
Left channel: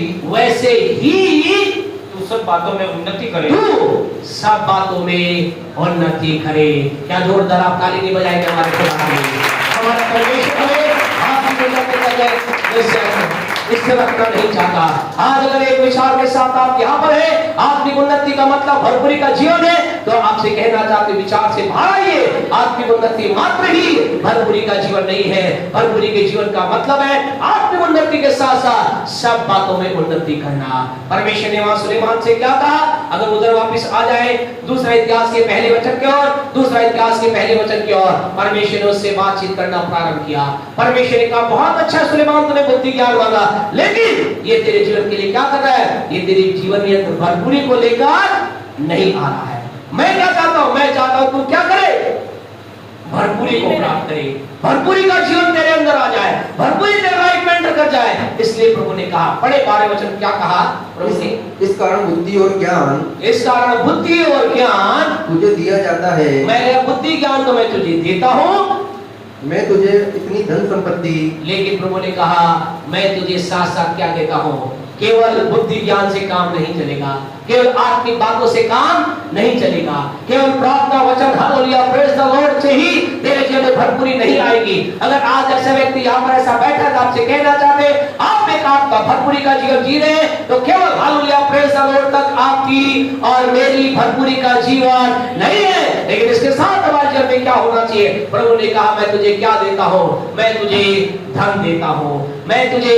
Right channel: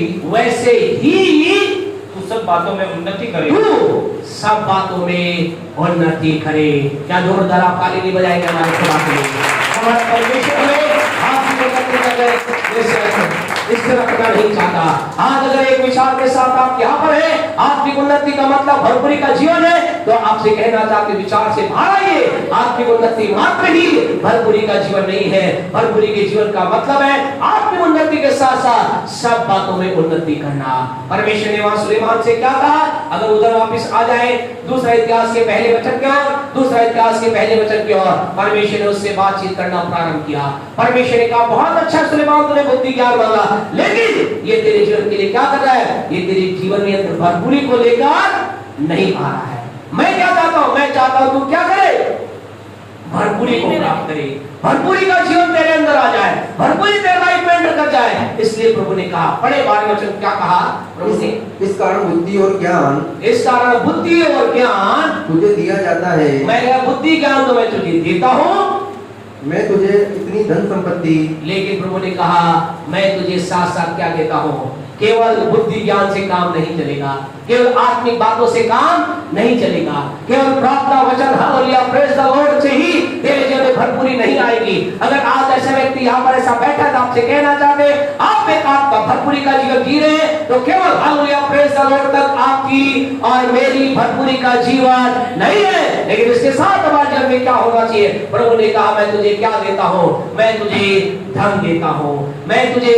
तू सब बातों में उन्नति करे, तू सब बातों में उन्नति करे। क्या जोरदार आप ताली नहीं बजाएंगे हमारे खुदा के लिए? हमारा परमेश्वर हमें आत्मिक उन्नति कर इससे रखना नहीं चाहता। आज अगर एक विचार के साथ आप यहाँ पर है, आत्मिक उन्नति का मतलब भरपूरी का जीवन है, तो आपसे कहना चाहते विचार से बाहर आइए। आत्मिक उन्नति मात्र ही भरपूरी का जीवन नहीं है। भरपूरी के जीवन का मतलब है आत्मिक उन्नति के साथ साथ सब बातों में उन्नति करना। परमेश्वर ने वहां सुलेमान से क्या कहा? अगर उधर वापस आ जाए 2 इतिहास के पहले वचन की ओर, 2 इतिहास के पहले वचन की ओर, परमेश्वर ने उससे बातचीत करना प्रारंभ किया। परमेश्वर ने कहा, बहुत अच्छा सुलेमान, तूने बुद्धि ज्ञान मांगा, लेकिन ये तेरे जीवन के लिए क्या कर रहा है? ये तेरे जीवन में भरपूरी को लेकर नहीं आ रहा है। मैं क्या चाहता हूं? मैं चाहता हूं तू क्या करे? भरपूरी को प्राप्त करे, भरपूरी का जीवन तेरे अंदर आ जाए, भरपूरी तेरे लाइफ में एंटर कर जाए। इसलिए प्रभु ने कहा, पढ़े 12 वचन, क्या कहा प्रभु ने? इस कारण बुद्धि और ज्ञान, इस कारण बुद्धि और ज्ञान तुझे दिया जाता है। मैं बुद्धि ज्ञान तो मैं तुझे देता हूं, मैं तुझे इतनी धन संपत्ति, लेकिन प्रभु ने कहा मैं तुझे साथ साथ क्या देता हूं? केवल बुद्धि ज्ञान से काम नहीं चलेगा, केवल आत्मिक बातों से काम नहीं चलेगा, केवल प्रार्थना वचन हालेलुया प्रेज द लॉर्ड से ही तेरे जीवन में भरपूरी नहीं आएगी। अगर आज ऐसा व्यक्ति यहाँ पर ऐसा बैठा है, आपसे कहना चाहते आप एक आपका भरपूरी का जीवन जी रहे हैं, तो केवल हालेलुया प्रेज द लॉर्ड तक आपकी और मेरी भरपूरी का जीवन नहीं है। लेकिन इसके साथ हमारे जीवन में क्या होना चाहिए? प्रभु ने कहा मैं तुझे क्या देता हूँ? मैं तुझे धन देता हूँ, मैं तुझे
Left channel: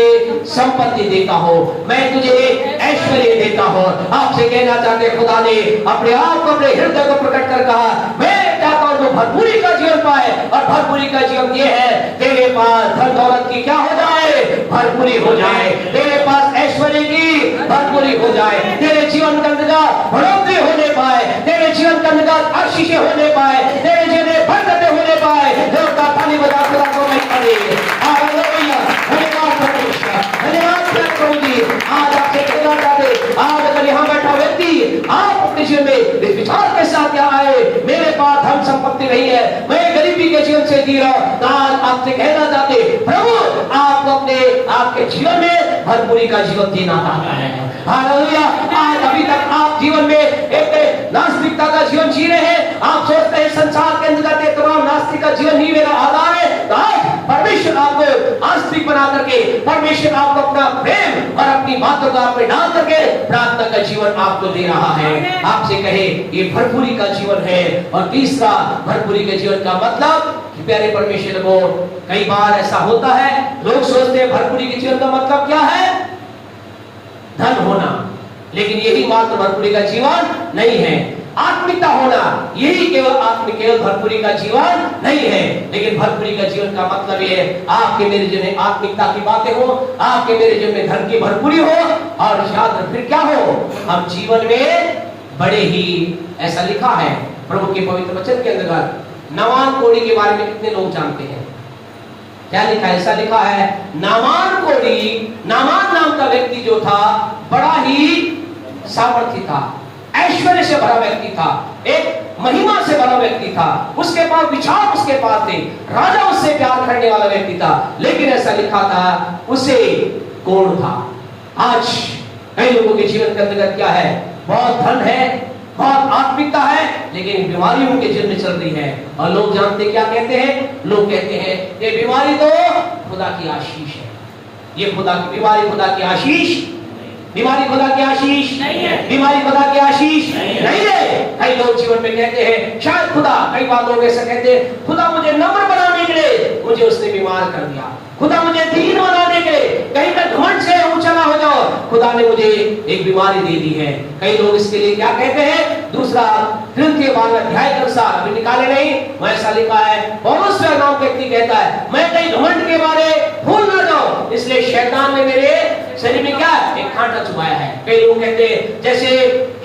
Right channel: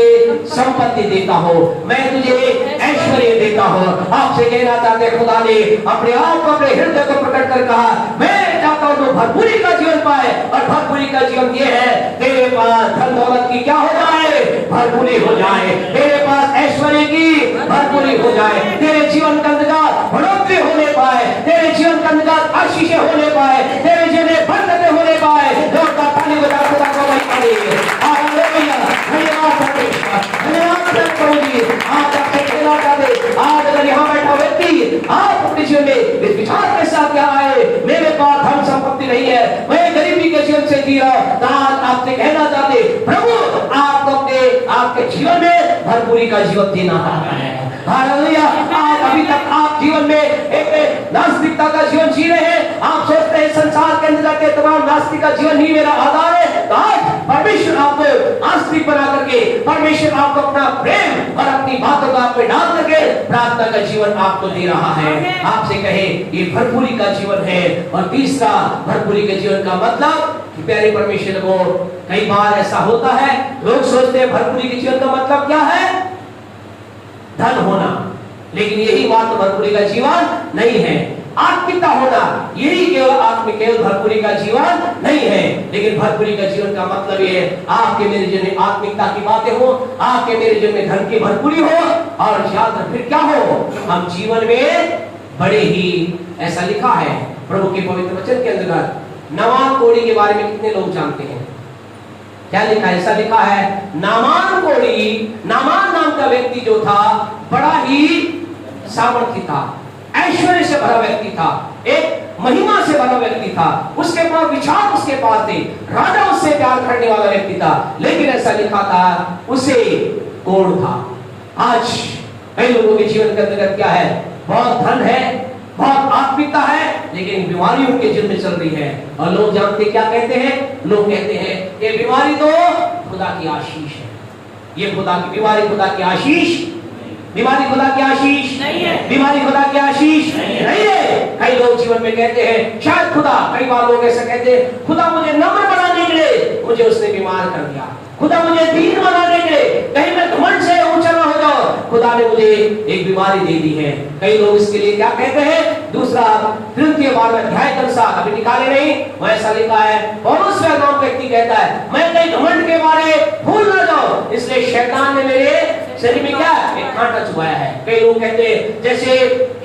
संपत्ति देता हूँ, मैं तुझे ऐश्वर्य देता हूँ। आपसे कहना चाहते खुदा ने अपने आप को, अपने हृदय को प्रकट कर कहा मैं चाहता हूँ तो भरपूरी का जीवन पाए। और भरपूरी का जीवन ये है तेरे पास धन दौलत की क्या हो जाए? भरपूरी हो जाए। तेरे पास ऐश्वर्य की भरपूरी हो जाए। तेरे जीवन के अंदर बढ़ोतरी होने पाए, तेरे जीवन के अंदर आशीष होने पाए, तेरे जीवन में बरकतें होने पाए। जोरदार ताली बजा खुदा को महिमा दे। हालेलुया, धन्यवाद परमेश्वर, धन्यवाद प्रभु जी। आज आपसे कहना चाहते, आज अगर यहाँ बैठा व्यक्ति आप अपने जीवन में इस विचार के साथ यहाँ आए मेरे पास धन संपत्ति नहीं है, मैं गरीबी के जीवन से जी रहा हूं, तो आज आपसे कहना चाहते प्रभु आपको अपने आपके जीवन में भरपूरी का जीवन देना चाहता है। हालेलुया। आज अभी तक आप जीवन में एक नास्तिकता का जीवन जी रहे हैं, आप सोचते हैं संसार के अंदर जाते तमाम नास्तिक का जीवन ही मेरा आधार है, तो आज परमेश्वर आपको आस्तिक बना करके, परमेश्वर आपको अपना प्रेम और अपनी बातों का आप में डाल करके प्रार्थना का जीवन आपको दे रहा है। आपसे कहे ये भरपूरी का जीवन है। और तीसरा भरपूरी के जीवन का मतलब कि प्यारे परमेश्वर को कई बार ऐसा होता है, लोग सोचते हैं भरपूरी के जीवन का मतलब क्या है? धन होना, लेकिन यही मात्र भरपूरी का जीवन नहीं है। आत्मिकता होना, यही केवल भरपूरी का जीवन नहीं है। लेकिन भरपूरी का जीवन का मतलब ये है आपके मेरे जीवन में आत्मिकता की बातें हो, आपके मेरे जीवन में धन की भरपूरी हो, और याद फिर क्या हो? हम जीवन में बड़े ही, ऐसा लिखा है प्रभु के पवित्र वचन के अंदर, नामान कोढ़ी के बारे में कितने लोग जानते हैं? क्या लिखा है? ऐसा लिखा है नामान कोढ़ी, नामान नाम का व्यक्ति जो था बड़ा ही सामर्थी था, ऐश्वर्य से भरा व्यक्ति था, एक महिमा व्यक्ति था, उसके पास विचार उसके पास थे, राजा उससे प्यार करने वाला व्यक्ति था, लेकिन ऐसा लिखा था उसे कोढ़ था। आज कई लोगों के जीवन के अंदर क्या है? बहुत धन है, बहुत आत्मिकता है, लेकिन बीमारी उनके जीवन में चल रही है। और लोग जानते क्या कहते हैं? लोग कहते हैं ये बीमारी तो खुदा की आशीष है, ये खुदा की बीमारी खुदा की आशीष, बीमारी खुदा की आशीष नहीं है, बीमारी खुदा की आशीष नहीं है। कई लोग जीवन में कहते हैं शायद खुदा, कई बार लोग ऐसा कहते हैं खुदा मुझे नम्र बनाने के लिए मुझे उसने बीमार कर दिया, खुदा मुझे दीन बनाने के लिए, कहीं मैं घमंड से ऊंचा ना हो जाऊं, खुदा ने मुझे एक बीमारी दे दी है। कई लोग इसके लिए क्या कहते हैं? दूसरा Corinthians के 12वें अध्याय के अनुसार, अभी निकाले नहीं, वैसा लिखा है, पौलुस नाम व्यक्ति कहता है मैं कहीं घमंड के बारे भूल ना जाऊं, इसलिए शैतान ने मेरे शरीर में क्या एक कांटा चुभाया है। कई लोग कहते हैं जैसे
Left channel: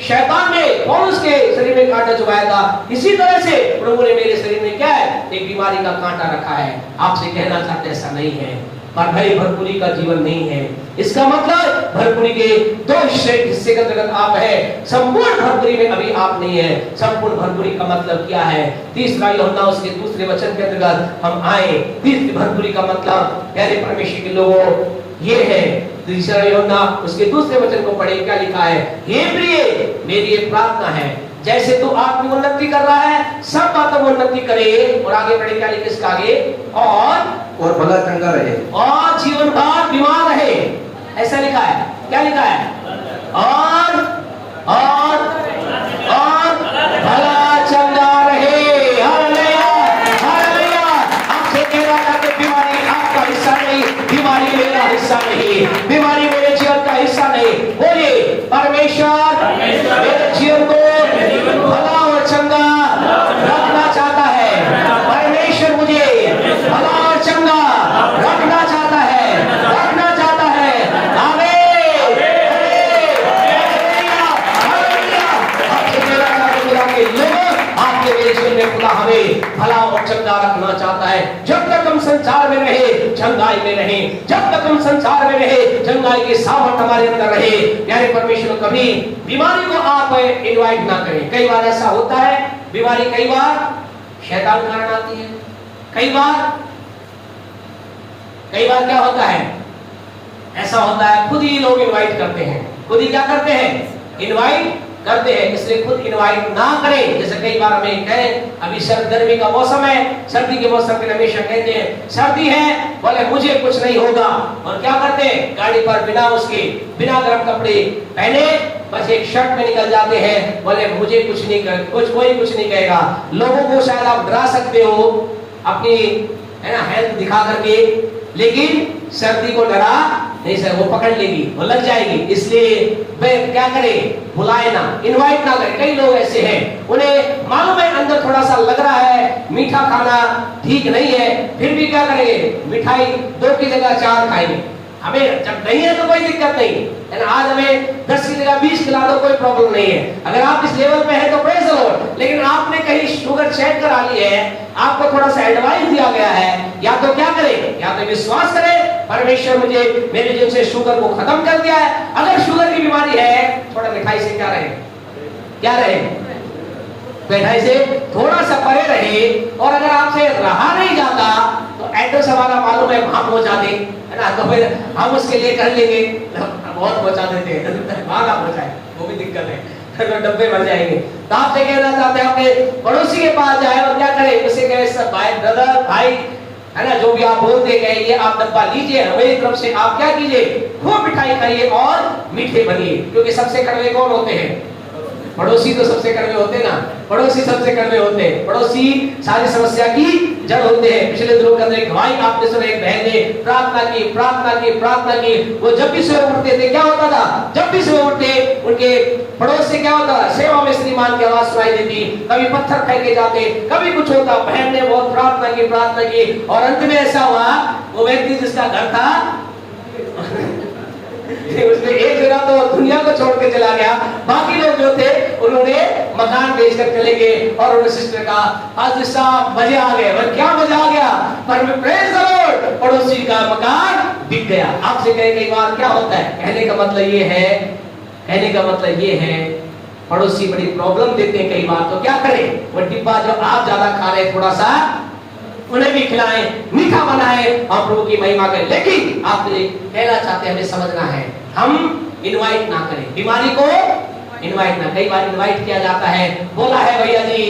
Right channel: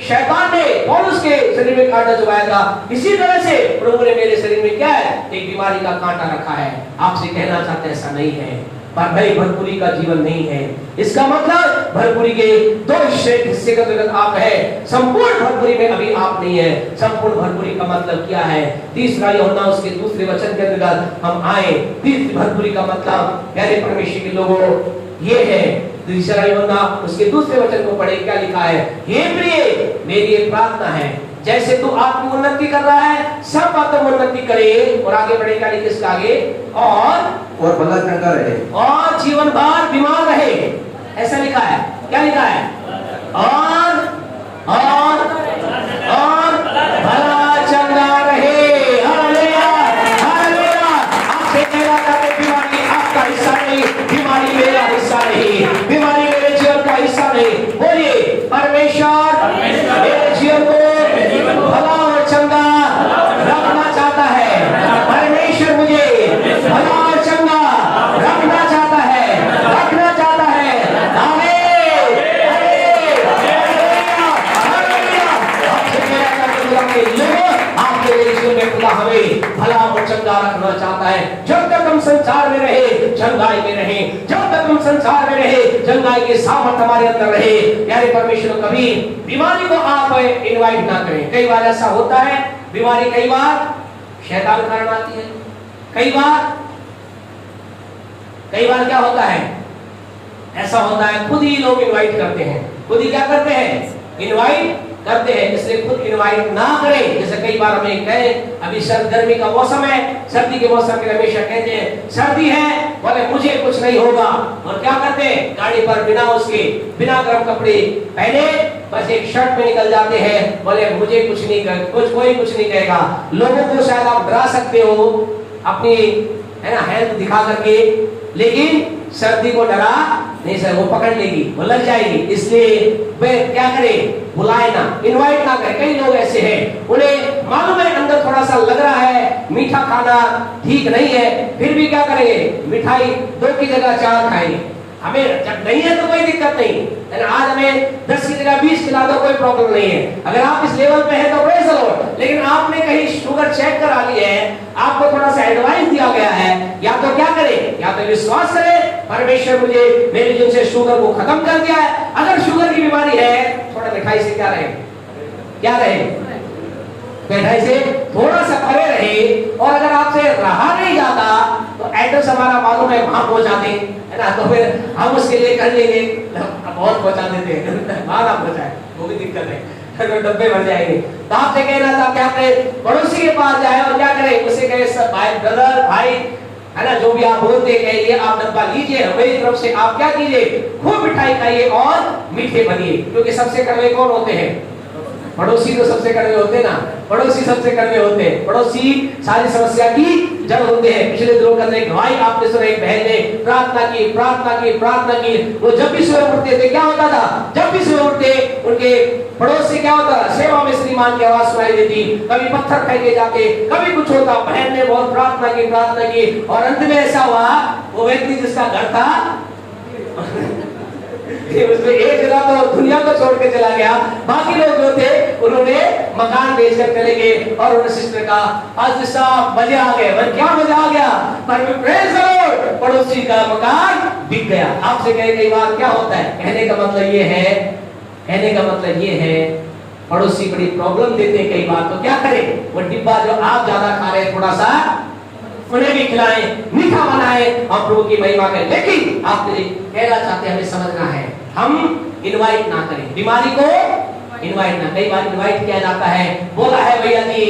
शैतान ने पौलुस के शरीर में कांटा चुभाया था, इसी तरह से प्रभु ने मेरे शरीर में क्या है एक बीमारी का कांटा रखा है। आपसे कहना चाहते ऐसा नहीं है, पर भाई भरपूरी का जीवन नहीं है। इसका मतलब भरपूरी के दो हिस्से का जगत आप है, संपूर्ण भरपूरी में अभी आप नहीं है। संपूर्ण भरपूरी का मतलब क्या है? तीसरा यूहन्ना उसके दूसरे वचन के अंतर्गत हम आए। तीसरी भरपूरी का मतलब प्यारे परमेश्वर के लोगों ये है, तीसरा यूहन्ना उसके दूसरे वचन को पढ़े, क्या लिखा है? हे प्रिय, मेरी ये प्रार्थना है जैसे तू आत्मिक उन्नति कर रहा है, सब बातों में उन्नति करे। और आगे बढ़े, क्या लिखे इसका आगे? और भला चंगा रहे, और जीवन भर बीमार रहे, ऐसा लिखा है। क्या लिखा है? और भला चंगा रहे। Hallelujah, hallelujah. आपसे कहना चाहते बीमारी आपका हिस्सा नहीं, बीमारी मेरा हिस्सा नहीं, बीमारी मेरे जीवन का हिस्सा नहीं। बोलिए परमेश्वर मेरे जीवन को भला और चंगा रखना चाहता है। परमेश्वर मुझे भला और चंगा रखना चाहता है, रखना चाहता है। आमीन, आपके मेरे जीवन में खुदा हमें भला और चंगा रखना चाहता है। जब तक हम संसार में रहे चंगाई में रहे, जब तक हम संसार में रहे चंगाई के सामर्थ हमारे अंदर रहे। यानी परमेश्वर कभी बीमारी को आप इनवाइट ना करें। कई बार ऐसा होता है, बीमारी कई बार शैतान के कारण आती है, कई बार क्या होता है? ऐसा होता है खुद ही लोग इनवाइट करते हैं, खुद ही क्या करते हैं? इनवाइट करते हैं। इसलिए खुद इनवाइट ना करें। जैसे कई बार हमें कहे अभी गर्मी का मौसम है, सर्दी के मौसम के हमेशा कहते हैं सर्दी है, बोले मुझे कुछ नहीं होगा, और क्या करते हैं? गाड़ी पर बिना गर्म कपड़े पहने बस एक शर्ट में निकल जाते हैं, बोले मुझे कुछ नहीं कर, कोई कुछ नहीं कहेगा। लोगों को शायद आप डरा सकते हो अपनी है ना हेल्थ दिखा करके, लेकिन सर्दी को डरा नहीं सर, वो पकड़ लेगी, वो लग जाएगी। इसलिए वे क्या करें? बुलाए ना, इनवाइट ना करें। कई लोग ऐसे हैं, उन्हें मालूम है अंदर थोड़ा सा लग रहा है मीठा खाना ठीक नहीं है, फिर भी क्या करेंगे? मिठाई 2 की जगह 4 खाएंगे। हमें जब नहीं है तो कोई दिक्कत नहीं, आज हमें 10 की जगह 20 खिला दो, कोई प्रॉब्लम नहीं है। अगर आप इस लेवल पे है तो प्रेज़ द लॉर्ड। लेकिन आपने कहीं शुगर चेक करा ली है, आपको थोड़ा सा एडवाइस दिया गया है, या तो क्या करें? या तो विश्वास करें परमेश्वर मुझे मेरे जीवन से शुगर को खत्म कर दिया है। अगर शुगर की बीमारी है, थोड़ा मिठाई से क्या रहे? मिठाई से थोड़ा सा परे रहे। और अगर आपसे रहा नहीं जाता तो एड्रेस हमारा मालूम है, वहां पहुंचा दे, है ना, तो फिर हम उसके लिए कर लेंगे, बहुत पहुंचा देते हैं, वहां ना पहुंचाए, वो भी दिक्कत है, तो डब्बे भर जाएंगे। तो आपसे कहना चाहते हैं अपने पड़ोसी के पास जाए और क्या करें? उसे कहे सब भाई, ब्रदर, भाई, है ना, जो भी आप बोलते गए ये आप डब्बा लीजिए, हमारी तरफ से आप क्या कीजिए? खूब मिठाई खाइए और मीठे बनिए। क्योंकि सबसे कड़वे कौन होते हैं? पड़ोसी तो सबसे कड़वे होते ना, पड़ोसी सबसे कड़वे होते हैं। पड़ोसी सारी समस्या की जड़ होते हैं। पिछले दिनों के अंदर एक भाई आपने सुना, एक बहन ने प्रार्थना की। वो जब भी सुबह उठते थे क्या होता था? जब भी सुबह उठते उनके पड़ोस से क्या होता? सेवा में श्रीमान की आवाज सुनाई देती, कभी पत्थर फेंके जाते, कभी कुछ होता। बहन ने बहुत प्रार्थना की और अंत में ऐसा हुआ, वो व्यक्ति जिसका घर था उसने एक जगह तो दुनिया को छोड़ के चला गया, बाकी लोग जो थे उन्होंने मकान बेचकर चले गए। और उन्होंने सिस्टर का आज साहब मजे आ गए। क्या मजा आ गया? पर प्रेज़ द लॉर्ड, पड़ोसी का मकान बिक गया। आपसे कई बार क्या होता है? कहने का मतलब ये है पड़ोसी बड़ी प्रॉब्लम देते हैं कई बार, तो क्या करें, वो डिब्बा जो आप ज्यादा खा रहे थोड़ा सा उन्हें भी खिलाएं, मीठा बनाएं और प्रभु की महिमा करें। लेकिन आप कहना चाहते हैं, हमें समझना है, हम इनवाइट ना करें, बीमारी को इनवाइट ना। कई बार इनवाइट किया जाता है, बोला है भैया जी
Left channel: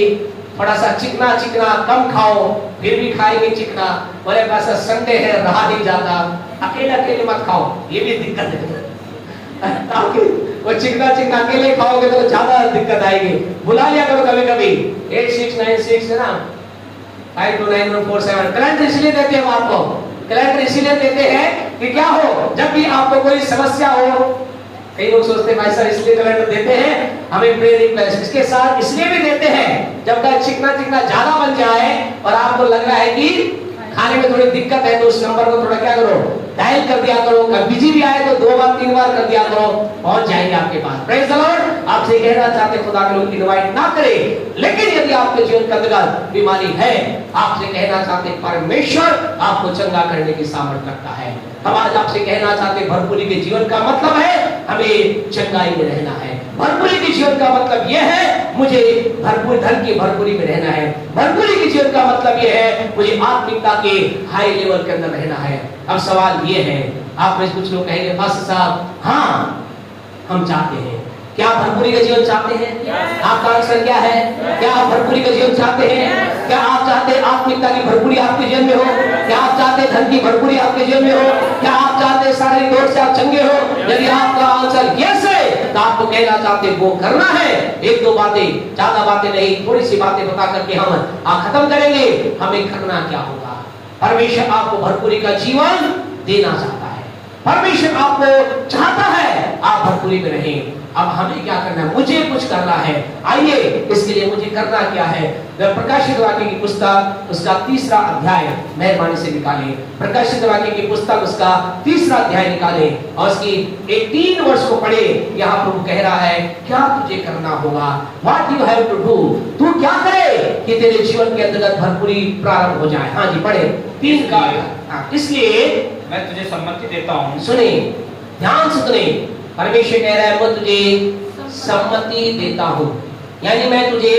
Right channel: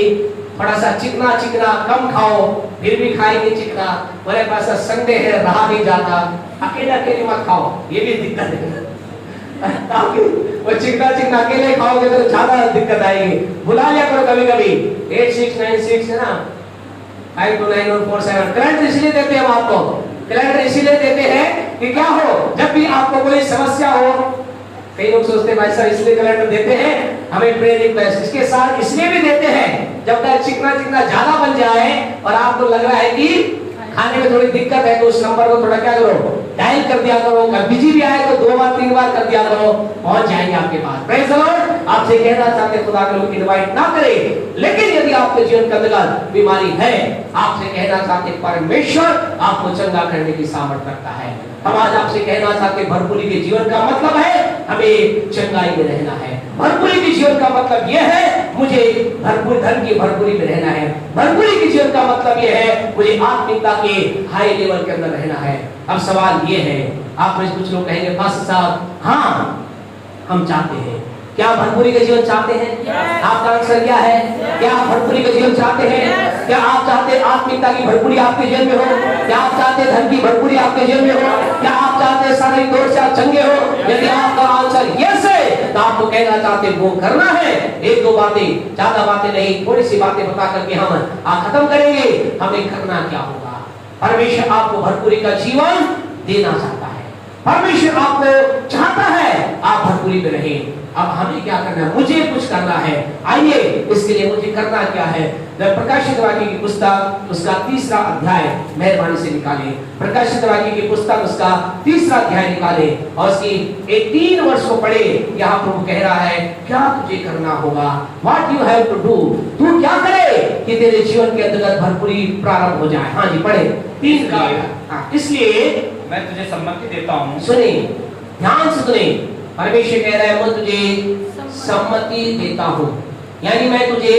थोड़ा सा चिकना चिकना कम खाओ, फिर भी खाएंगे चिकना, बोले पास संडे है रहा नहीं जाता, अकेले अकेले मत खाओ, ये भी दिक्कत है। ताकि वो चिकना चिकना अकेले खाओगे तो ज्यादा दिक्कत आएगी। बुला लिया करो कभी कभी 8696 है ना 529147। कैलेंडर इसलिए देते हैं हम आपको, कैलेंडर इसलिए देते हैं कि क्या हो, जब भी आपको कोई समस्या हो, कई लोग सोचते हैं भाई साहब इसलिए कैलेंडर देते हैं हमें प्रेयर रिक्वेस्ट, इसके साथ इसलिए भी देते हैं जब तक चिकना चिकना ज्यादा बन जाए और आपको लग रहा है कि खाने में थोड़ी दिक्कत है, तो उस नंबर को थोड़ा क्या करो, डायल कर दिया करो, बिजी भी आए तो 2 बार 3 बार कर दिया करो, पहुंच जाएंगे आपके पास। Praise the Lord. आपसे कहना चाहते खुदा के लोग इनवाइट ना करें, लेकिन यदि आपके जीवन के अंदर बीमारी है, आपसे कहना चाहते परमेश्वर आपको चंगा करने की सामर्थ्य रखता है। हम आज आपसे कहना चाहते भरपूरी के जीवन का मतलब है हमें चंगाई में रहना है। भरपूरी के जीवन का मतलब यह है मुझे भरपूर धन की भरपूरी में रहना है। भरपूरी के जीवन का मतलब यह है मुझे आत्मिकता के हाई लेवल के अंदर रहना है। अब सवाल ये है, आप में कुछ लोग कहेंगे पास्टर साहब हाँ हम चाहते हैं, क्या आप भरपूरी का जीवन चाहते हैं? आपका आंसर क्या है? क्या आप भरपूरी का जीवन चाहते हैं? क्या आप चाहते हैं आत्मिकता की भरपूरी आपके जीवन में हो? क्या आप चाहते हैं धन की भरपूरी आपके जीवन में हो? क्या आप चाहते हैं शारीरिक दौड़ से आप चंगे हो? यदि आपका आंसर यस है तो आपको कहना चाहते वो करना है। 1-2 बातें, ज्यादा बातें नहीं, थोड़ी सी बातें बता करके हम खत्म करेंगे। हमें करना क्या होगा? परमेश्वर आपको भरपूरी का जीवन देना चाहता है, परमेश्वर आपको चाहता है आप भरपूरी में रहें। अब हमें क्या करना है? मुझे कुछ करना है। आइए इसके लिए मुझे करना क्या है? प्रकाशित वाक्य की पुस्तक उसका 3रा अध्याय मेहरबानी से निकालें। प्रकाशित वाक्य की पुस्तक उसका 3रा अध्याय निकालें और उसकी 3 वर्ष को पढ़े। यहाँ प्रभु कह रहा है क्या तुझे करना होगा, what you have to do, तू क्या करे कि तेरे जीवन के अंतर्गत भरपूरी प्रारंभ हो जाए। हाँ जी पढ़े 3 का। इसलिए मैं तुझे सम्मति देता हूँ। सुने ध्यान से सुने, परमेश्वर कह रहा है मैं तुझे सम्मति देता हूँ, यानी मैं तुझे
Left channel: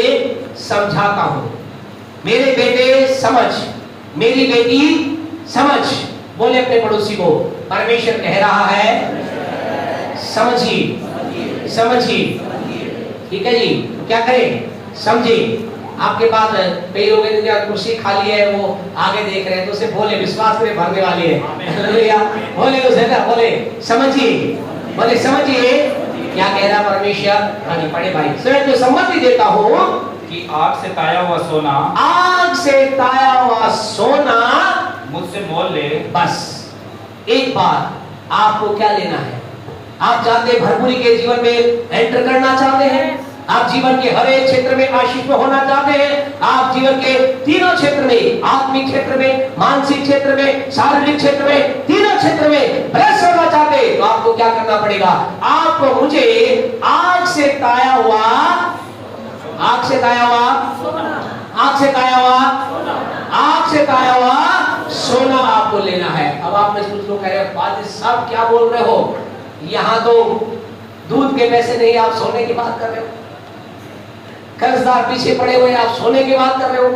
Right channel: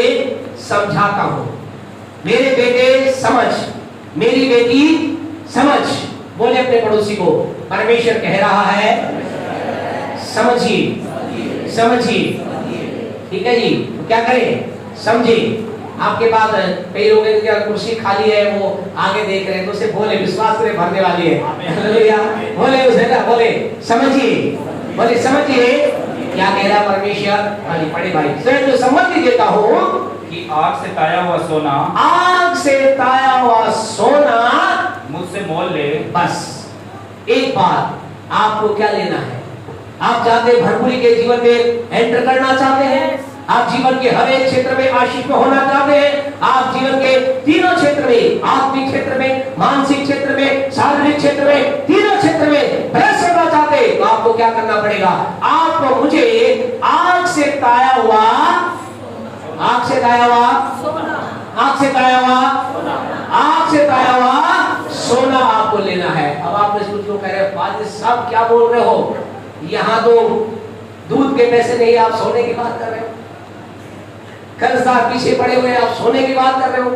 समझाता हूँ। मेरे बेटे समझ, मेरी बेटी समझ। बोले अपने पड़ोसी को, परमेश्वर कह रहा है समझिए समझिए। ठीक है जी, तो क्या करें? समझिए। आपके पास कई लोगों ने क्या कुर्सी खाली है वो आगे देख रहे हैं, तो उसे बोले विश्वास में भरने वाली है। बोले उसे क्या बोले? समझिए, बोले समझिए क्या कह रहा है परमेश्वर। हाँ जी पढ़े भाई। स्वयं तो सम्मति देता हूँ कि आग से ताया हुआ सोना, आग से ताया हुआ सोना मुझसे मोल ले। बस एक बात, आपको क्या लेना है? आप चाहते हैं भरपूरी के जीवन में एंटर करना चाहते हैं? आप जीवन के हर एक क्षेत्र में आशीष होना चाहते हैं? आप जीवन के तीनों क्षेत्र में, आत्मिक क्षेत्र में, मानसिक क्षेत्र में, शारीरिक क्षेत्र में, तीनों क्षेत्र में ब्लेस होना चाहते हैं, तो आपको क्या करना पड़ेगा? आपको मुझे आग से ताया हुआ, आग से ताया हुआ, आग से ताया हुआ, आग से ताया हुआ सोना आपको लेना है। अब आप में कुछ लोग कह रहे हैं पादरी साहब क्या बोल रहे हो, यहाँ तो दूध के पैसे नहीं, आप सोने की बात कर रहे हो, कर्जदार पीछे पड़े हुए आप सोने की बात कर रहे हो।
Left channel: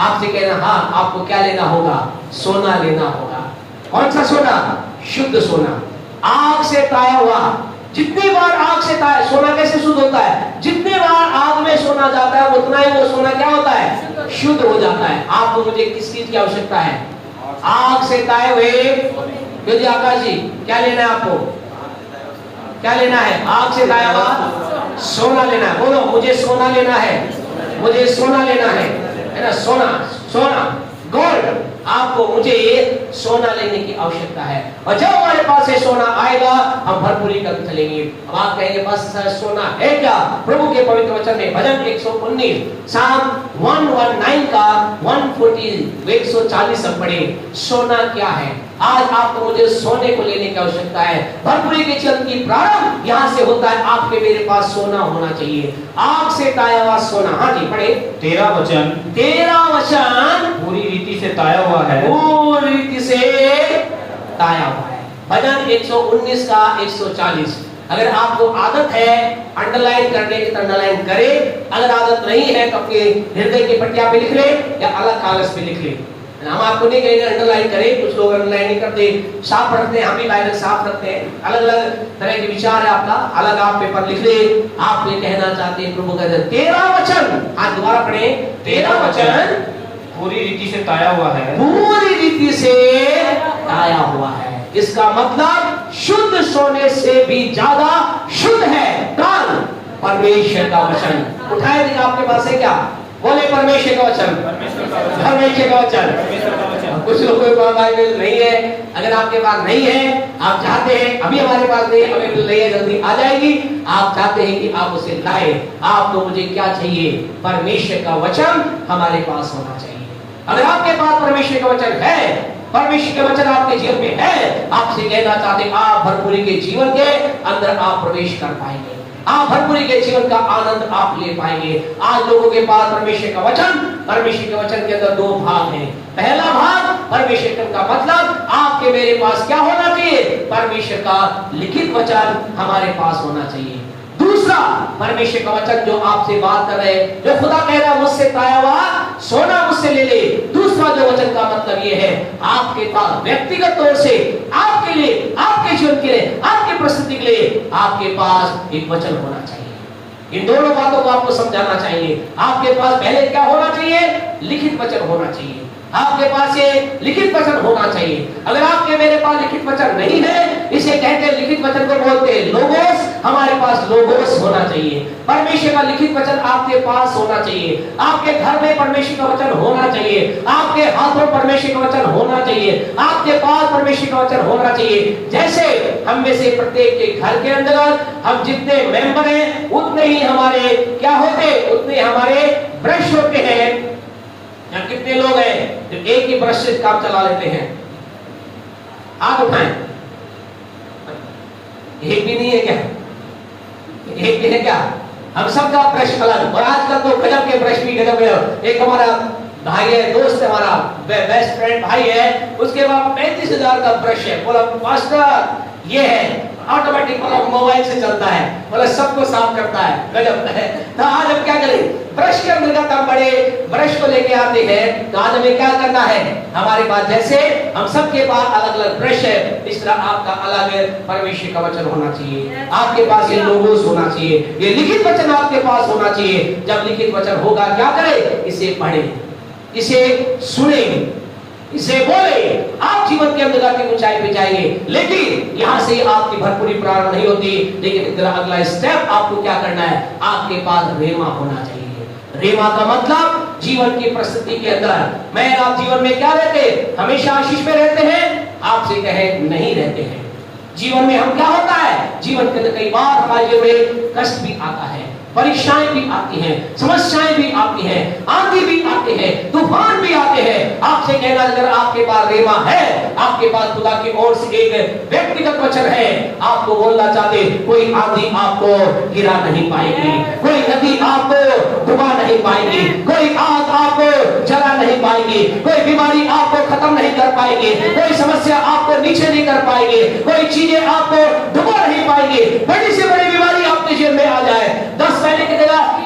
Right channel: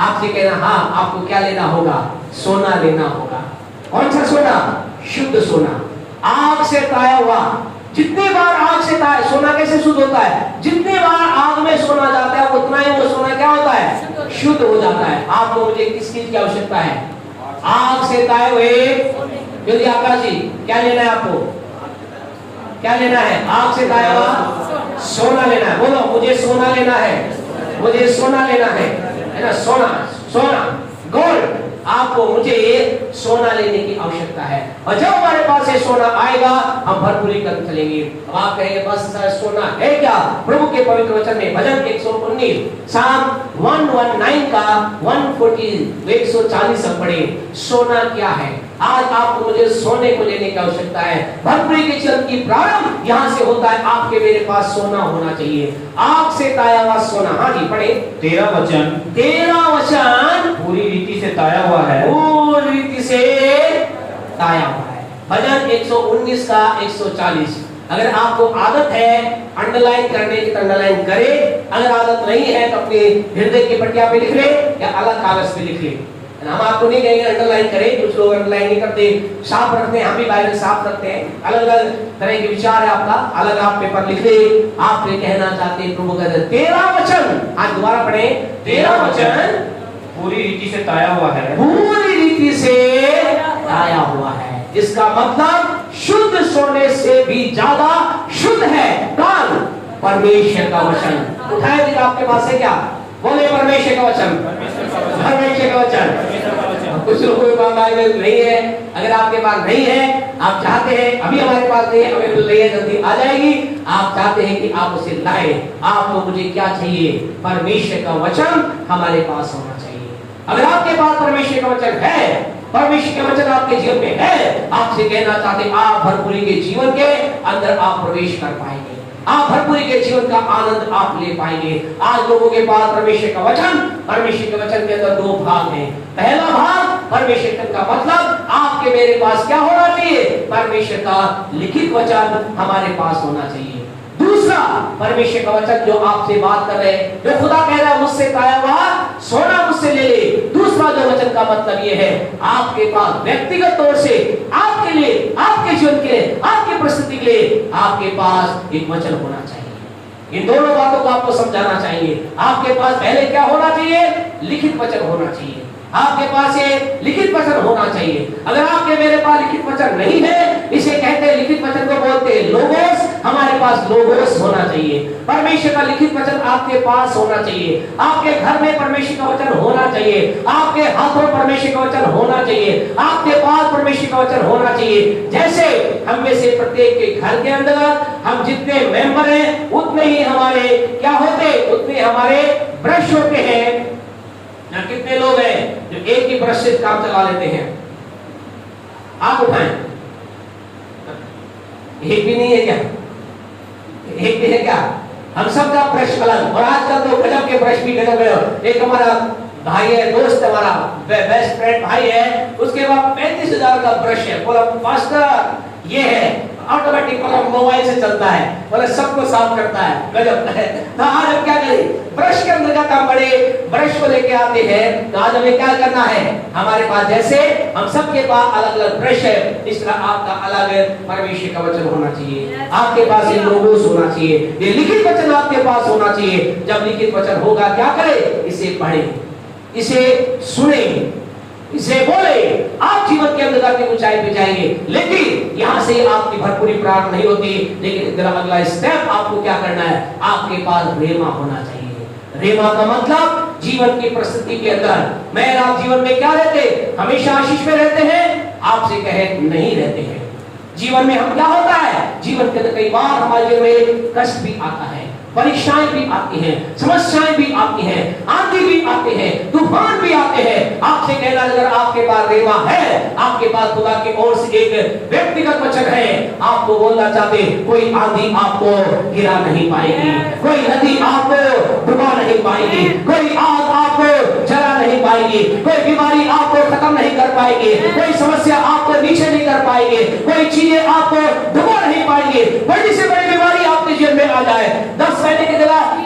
आपसे कहना हाँ आपको क्या लेना होगा? सोना लेना होगा। कौन सा सोना? शुद्ध सोना, आग से ताया हुआ। जितनी बार आग से ताया, सोना कैसे शुद्ध होता है? जितनी बार आग में सोना जाता है उतना ही वो सोना क्या होता है? शुद्ध हो जाता है। आपको मुझे किस चीज की आवश्यकता है? आग से ताए हुए। यदि आकाश जी क्या लेना है आपको? क्या लेना है? आग से ताया हुआ सोना लेना है। बोलो मुझे सोना लेना है, मुझे सोना लेना है ना? सोना, सोना, गोल्ड। आपको मुझे सोना लेने की आवश्यकता है, और जब हमारे पास ये सोना आएगा हम भरपूरी कर चलेंगे। अब आप कहेंगे बस सोना है क्या? प्रभु के पवित्र वचन में भजन 119 साम 119 का 140 140 हम पढ़े। सोना क्या है? आज आपको मुझे सोने को लेने की आवश्यकता है। भरपूरी के जीवन की प्रारंभ यहाँ से होता है। आपके मेरे पास सोना होना चाहिए, आग से ताया हुआ सोना। हाँ जी पढ़े। तेरा वचन पूरी रीति से ताया हुआ है, पूरी रीति से ताया हुआ है। भजन 119 का 140। अगर आपको आदत है अंडरलाइन करने की तो अंडरलाइन करे, अगर आदत नहीं है तो अपने हृदय की पट्टियां पे लिख ले या अलग कागज पे लिख ले। हम आपको नहीं कहेंगे अंडरलाइन करें, कुछ लोग अंडरलाइन नहीं करते, साफ रखते हैं, हम भी बाइबल साफ रखते हैं। अलग अलग तरह के विचार है आपका, अलग आप पेपर लिख ले। आप ये कहना चाहते हैं प्रभु कहते तेरा वचन, आज दोबारा पढ़े, तेरा वचन पूरी रीति से ताया हुआ है, पूरी रीति से ताया हुआ है। इसका मतलब शुद्ध सोने से भी ज्यादा शुद्ध है कौन? परमेश्वर का वचन। उठाए दिखा, आपके पास है क्या? बोले परमेश्वर का वचन, परमेश्वर का वचन। कुछ लोगों के पास बाइबल नहीं है, अगर आपके पास नहीं है, आप चाहते हैं, अभी हमारे पास नहीं है, बाइबल नहीं है, जल्दी आ जाएगी, आप चाहते हैं कि आप उसे लाए, आपको मुझे क्या चाहिए? परमेश्वर का वचन हमारे पास होना चाहिए। अगर आपके पास परमेश्वर का वचन है, परमेश्वर का वचन आपके जीवन में है, आपसे कहना चाहते हैं आप भरपूरी के जीवन के अंदर आप प्रवेश कर पाएंगे, आप भरपूरी के जीवन का आनंद आप ले पाएंगे। आज लोगों के पास परमेश्वर का वचन, परमेश्वर के वचन के अंदर दो भाग हैं। पहला भाग परमेश्वर का मतलब आपके मेरे पास क्या होना चाहिए? परमेश्वर का लिखित वचन हमारे पास होना चाहिए। दूसरा परमेश्वर का वचन जो आपसे बात कर रहे हैं, जो खुदा कह रहा है मुझसे पाया हुआ सोना मुझसे ले ले। दूसरा जो वचन का मतलब ये है, आपके पास व्यक्तिगत तौर से आपके लिए, आपके जीवन के लिए, आपकी परिस्थिति के लिए आपके पास एक वचन होना चाहिए। इन दोनों बातों को आपको समझाना चाहिए। आपके पास पहले क्या होना चाहिए? लिखित वचन होना चाहिए। आपके पास ये लिखित वचन होना चाहिए। अगर आपके मेरे पास लिखित वचन नहीं है, इसे कहते हैं लिखित वचन को बोलते हैं लोगोस, हमारे पास लोगोस होना चाहिए। परमेश्वर का लिखित वचन आपके पास होना चाहिए। आपके घर में परमेश्वर का वचन होना चाहिए, आपके हाथों परमेश्वर का वचन होना चाहिए, आपके पास परमेश्वर का वचन होना चाहिए। जैसे हम में से प्रत्येक के घर के अंदर हम जितने मेंबर हैं उतने ही हमारे क्या होते, उतने हमारे ब्रश होते हैं। यहाँ कितने लोग हैं जो एक ही ब्रश से काम चला लेते हैं? हाथ उठाएं। एक भी नहीं है क्या? एक भी है क्या? हम सब का ब्रश अलग, और आजकल तो गजब के ब्रश भी गजब है। एक हमारा भाई है, दोस्त हमारा बेस्ट फ्रेंड भाई है, उसके पास 35,000 का ब्रश है। बोला मास्टर ये है ऑटोमेटिक, मतलब मोबाइल से चलता है, बोले सबको साफ करता है, गजब है। तो आज हम क्या करें? ब्रश के अंतर्गत हम बड़े ब्रश को लेके आते हैं। तो आज हमें क्या करना है? हमारे पास जैसे हम सबके पास अलग अलग ब्रश है, इस तरह आपका अलग परमेश्वर का वचन होना चाहिए। आपके पास ये लोगोस होना चाहिए, ये लिखित वचन आपके पास होना चाहिए। जब लिखित वचन होगा क्या करें? इसे पढ़ें, इसे सुनें, इसे बोले, आप जीवन के अंदर की ऊंचाई पे जाएंगे। लेकिन यहाँ से आपकी भरपूरी प्राप्त नहीं होती। लेकिन अगला स्टेप आपको क्या करना है? आपके पास रेमा होना चाहिए। रेमा का मतलब जीवन की परिस्थिति के अंदर मैं आप जीवन में क्या रहते? हमेशा आशीष में रहते हैं? आपसे कहे नहीं रहते हैं। जीवन में हम क्या होता है? जीवन के अंदर कई बार हमारे जीवन में कष्ट भी आता है, परीक्षाएं भी आती हैं, समस्याएं भी आती हैं, आंधी भी आते हैं, तूफान भी आते हैं। आपसे कहना अगर आपके पास रेमा है, आपके पास खुदा की ओर से एक व्यक्तिगत वचन है, आपको बोलना चाहते कोई आंधी आपको गिरा नहीं पाएगी, कोई नदी आपको डुबा नहीं पाएगी, कोई आग आपको जला नहीं पाएगी, कोई बीमारी आपको खत्म नहीं कर पाएगी, कोई समस्या आपको नीचे नहीं कर पाएगी, कोई चीजें आपको डुबा नहीं पाएगी। बड़ी से बड़ी बीमारी आपके जीवन में आ जाए, 10 महीने की जगह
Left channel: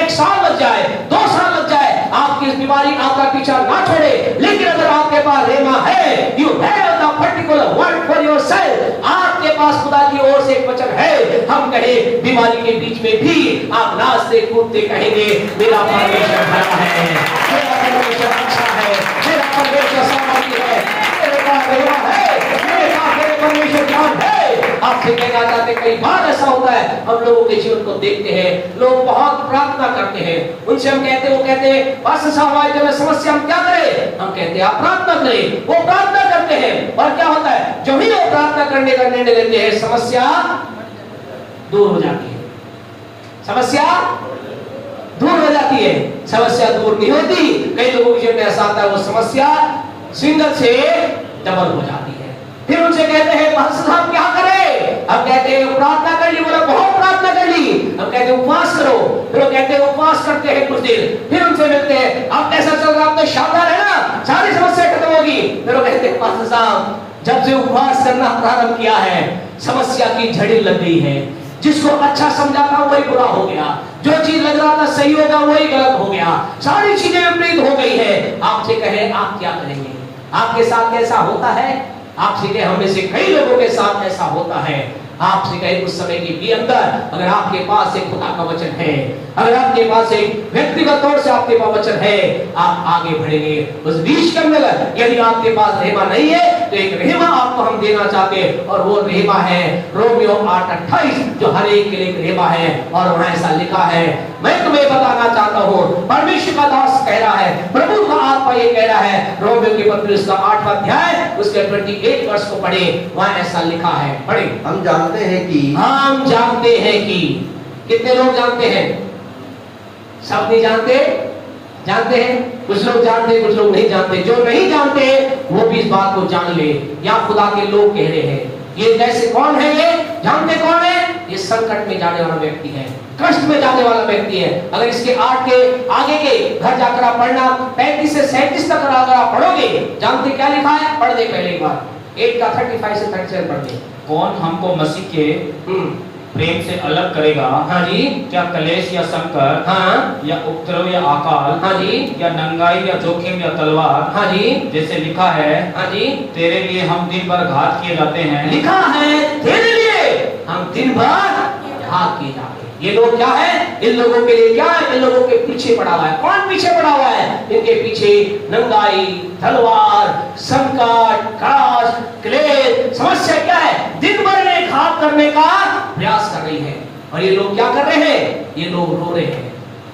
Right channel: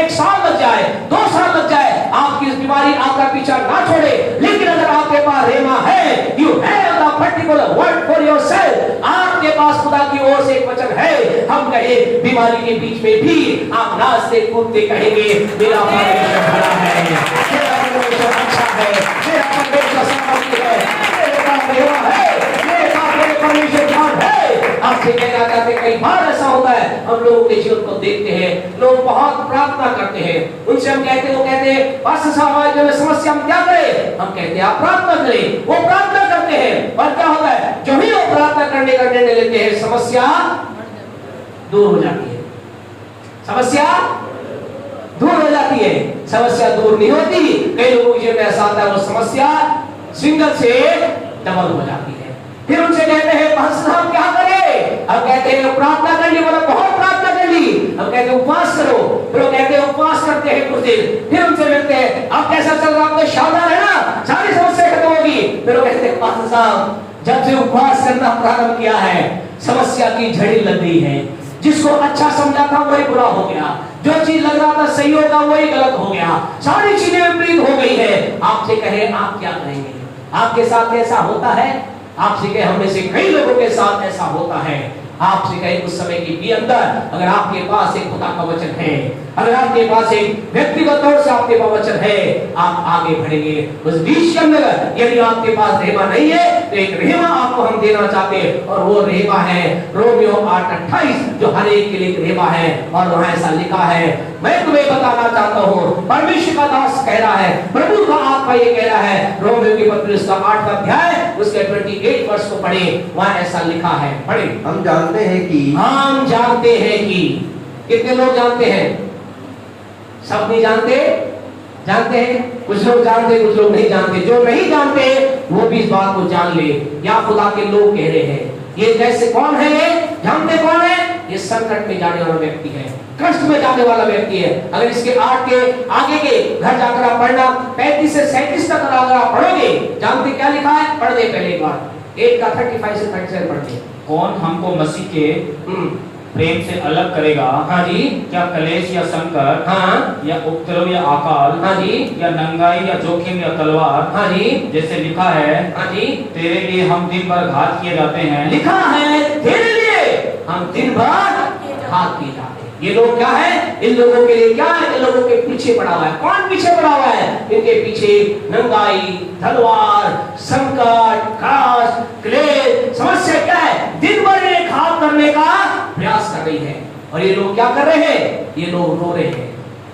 एक साल लग जाए, 2 साल लग जाए, आपकी इस बीमारी आपका पीछा ना छोड़े। लेकिन अगर आपके पास रेमा है, you have the particular word for yourself, आपके पास खुदा की ओर से एक वचन है। हम कहे बीमारी के बीच में भी आप नाचते कूदते कहेंगे मेरा परमेश्वर बड़ा है, मेरा परमेश्वर अच्छा है, मेरा परमेश्वर सामर्थी है, मेरा रेमा है, मेरा परमेश्वर जान है। आपसे कहना चाहते कई बार ऐसा होता है, हम लोगों के जीवन को देखते हैं, लोग बहुत प्रार्थना करते हैं, उनसे हम कहते हैं, वो कहते हैं पास्टर साहब जो समस्या हम क्या करें? हम कहते हैं आप प्रार्थना करें। वो प्रार्थना करते हैं और क्या होता है? जो ही वो प्रार्थना करने का निर्णय लेते हैं, समस्या दूर हो जाती है, समस्या दूर हो जाती है। समस्या दूर नहीं होती, कई लोगों के जीवन में ऐसा आता है वो समस्या सिंगल से डबल हो जाती है। फिर उनसे कहते हैं पास्टर साहब क्या करें? हम कहते हैं प्रार्थना कर ली, बोला बहुत प्रार्थना कर ली। हम कहते हैं उपवास करो, फिर वो कहते हैं उपवास करते हैं कुछ दिन, फिर उनसे मिलते हैं अब कैसा चल रहा है? आप तो सावधान है ना, सारी समस्या खत्म होगी। फिर वो कहते हैं पास्टर साहब जब से उपवास करना प्रारंभ किया है, समस्या की झड़ी लग गई है, जिसको अच्छा समझा था वही बुरा हो गया, जो चीज लग रहा था सही होगा वही गलत हो गया, सारी चीजें विपरीत हो गई है। आपसे कहे आप क्या करेंगे? आपके साथ ऐसा होता है? आपसे कहे हम में से कई लोगों के साथ ऐसा होता है। आपसे कहे उस समय की भी अंदर अगर आपके पास एक खुदा का वचन है, अगर आपके पास एक व्यक्तिगत तौर से आपके पास वचन है, आप आगे बढ़ेंगे। उस बीच के अंदर यदि आपके पास रहमा नहीं है तो एक रहमा आपको हम देना चाहते हैं, और वो रहमा है रोमियो 8:28, जो हर एक के लिए एक रहमा है। और वहां ऐसा लिखा है, मैं तुम्हें बताना चाहता हूँ, परमेश्वर का दास कह रहा है, प्रभु का आत्मा ये कह रहा है, रोमियो की पत्री उसका 8वां अध्याय उसके 28 वर्ष को पढ़े, वहां ऐसा लिखा है, पढ़े। हम जानते हैं कि कितने लोग जानते हैं? सब नहीं जानते, जानते हैं कुछ लोग जानते, कुछ लोग नहीं जानते। जो नहीं जानते वो भी इस बात को जान ले, या खुदा के लोग कह रहे हैं। ये जैसे कौन है? ये जानते कौन है? ये संकट में जाने वाला व्यक्ति है, कष्ट में जाने वाला व्यक्ति है। अगर इसके 8 के आगे के घर जाकर आप पढ़ना, 35 से 37 तक अगर आप पढ़ोगे, जानते क्या लिखा है? पढ़ दे पहले एक बार, 8 का 35 से 37 पढ़ दे। कौन हमको मसीह के प्रेम से अलग करेगा? हाँ जी। क्या कलेश या संकट, हाँ, या उपद्रव या अकाल, हाँ जी, या नंगाई या जोखिम या तलवार? हाँ जी, जैसे लिखा है, हाँ जी, तेरे लिए हम दिन भर घात किए जाते हैं। लिखा है तेरे लिए हम दिन भर घात किए जाते हैं। ये लोग क्या है? इन लोगों के लिए क्या है? इन लोगों के पीछे पड़ा हुआ है। कौन पीछे पड़ा हुआ है? इनके पीछे नंगाई, तलवार, संकट, काश, क्लेश, समस्या क्या है? दिन भर इन्हें घात करने का प्रयास कर रही है। और ये लोग क्या कर रहे हैं? ये लोग रो रहे हैं,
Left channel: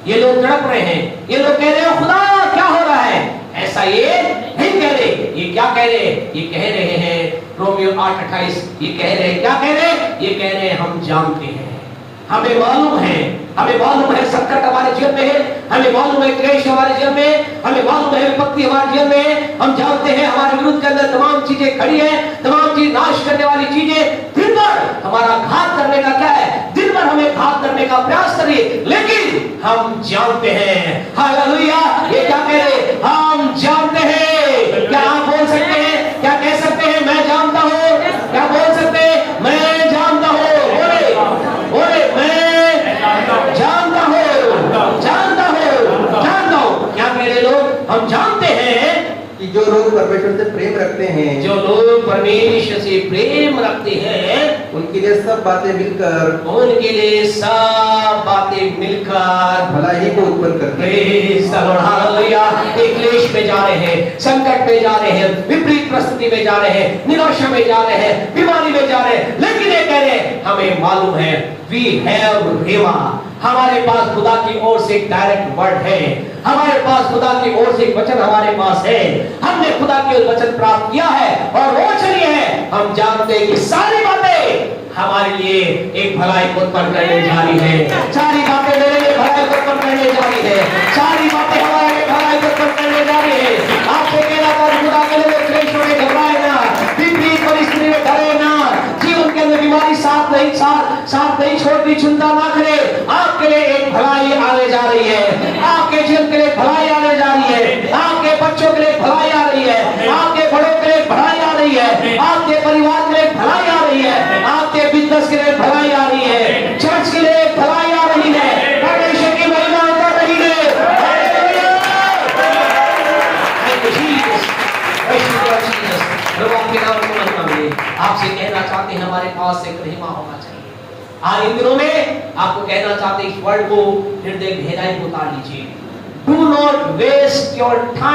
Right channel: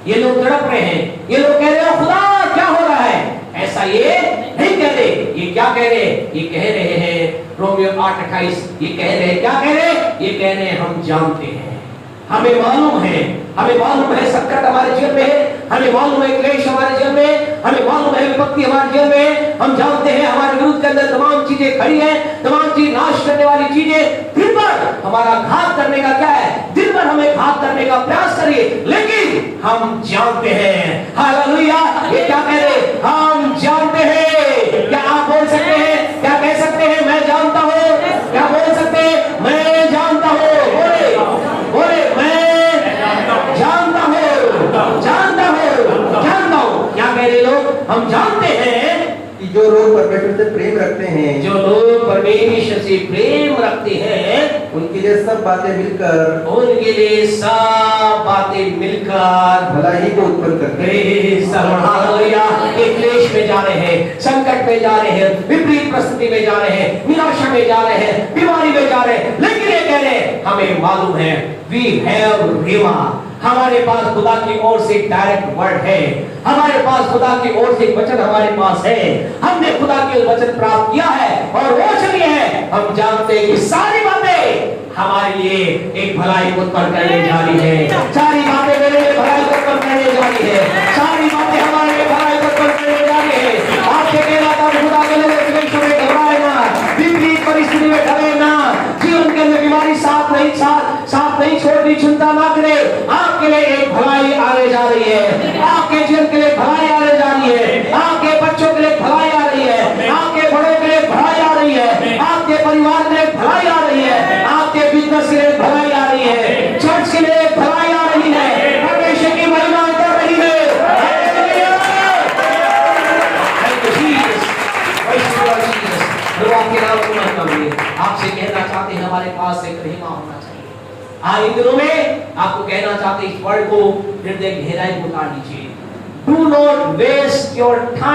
ये लोग तड़प रहे हैं, ये लोग कह रहे हैं खुदा क्या हो रहा है? ऐसा ये नहीं कह रहे। ये क्या कह रहे हैं? ये कह रहे हैं रोमियो 8:28, ये कह रहे हैं, क्या कह रहे हैं? ये कह रहे हैं हम जानते हैं, हमें मालूम है, हमें मालूम है संकट हमारे जीवन में है, हमें मालूम है क्लेश हमारे जीवन में, हमें मालूम है विपत्ति हमारे जीवन में है। हम जानते हैं हमारे विरुद्ध के अंदर तमाम चीजें खड़ी हैं, तमाम चीज नाश करने वाली चीजें दिन भर हमारा घात करने का क्या है? दिन भर हमें घात करने का प्रयास करिए, लेकिन हम जानते हैं। हालेलुया! ये क्या कह रहे? हम जानते हैं। क्या आप बोल सकते हैं? क्या कह सकते हैं? मैं जानता हूँ। क्या बोल सकते हैं? मैं जानता हूँ। बोले बोले मैं जानता हूँ, जानता हूँ, जानता हूँ। क्या कह रहे लोग? हम जानते हैं कि जो लोग परमेश्वर से प्रेम रखते हैं, जो लोग परमेश्वर से प्रेम रखते हैं, उनके लिए सब बातें मिलकर, उनके लिए सब बातें मिलकर भलाई को उत्पन्न करते हैं। हालेलुया! एक क्लेश में जा रहे हैं, संकट में जा रहे हैं, विपरीत परिस्थिति में जा रहे हैं, निराशा में जा रहे हैं, बीमारी में जा रहे हैं, लेकिन ये कह रहे हैं हमें मालूम है, वी हैव रेमा, हमारे पास खुदा की ओर से एक डायरेक्ट वर्ड है, हमारे पास खुदा की ओर से एक वचन हमारे पास है, हमने खुदा के वचन प्राप्त किया है, और वो चलिए है, हम जानते हैं कि सारी बातें हमारे लिए एक भलाई को उत्पन्न करने जा रही है। सारी बातें मेरे लिए भलाई को उत्पन्न करने जा रही है। सारी बातें हमारे लिए भलाई को उत्पन्न करने जा रही है। आपसे कहना था खुदा के लोग क्लेश में घबराए ना, विपरीत परिस्थिति में डरे ना, जीवन के अंदर बीमारी साथ नहीं छोड़नी, चिंता ना करे। आपके लिए एक भलाई आने जा रही है, आपके जीवन के लिए भलाई आने जा रही है, आपके बच्चों के लिए भलाई आ रही है, आपके बड़ों के लिए भलाई आ रही है, आपके परिवार के लिए भलाई आ रही है, आपके बिजनेस के लिए भलाई आ रही है, चर्च के लिए भलाई आ रही है, परमेश्वर की महिमा कर रही है। आपसे कहना चाहते हैं हमारे पास एक रहमा होना चाहिए। हाँ, इन दिनों में आपको कहना चाहते हैं इस वर्ड को हृदय गहराई में उतार लीजिए। Do not waste your time.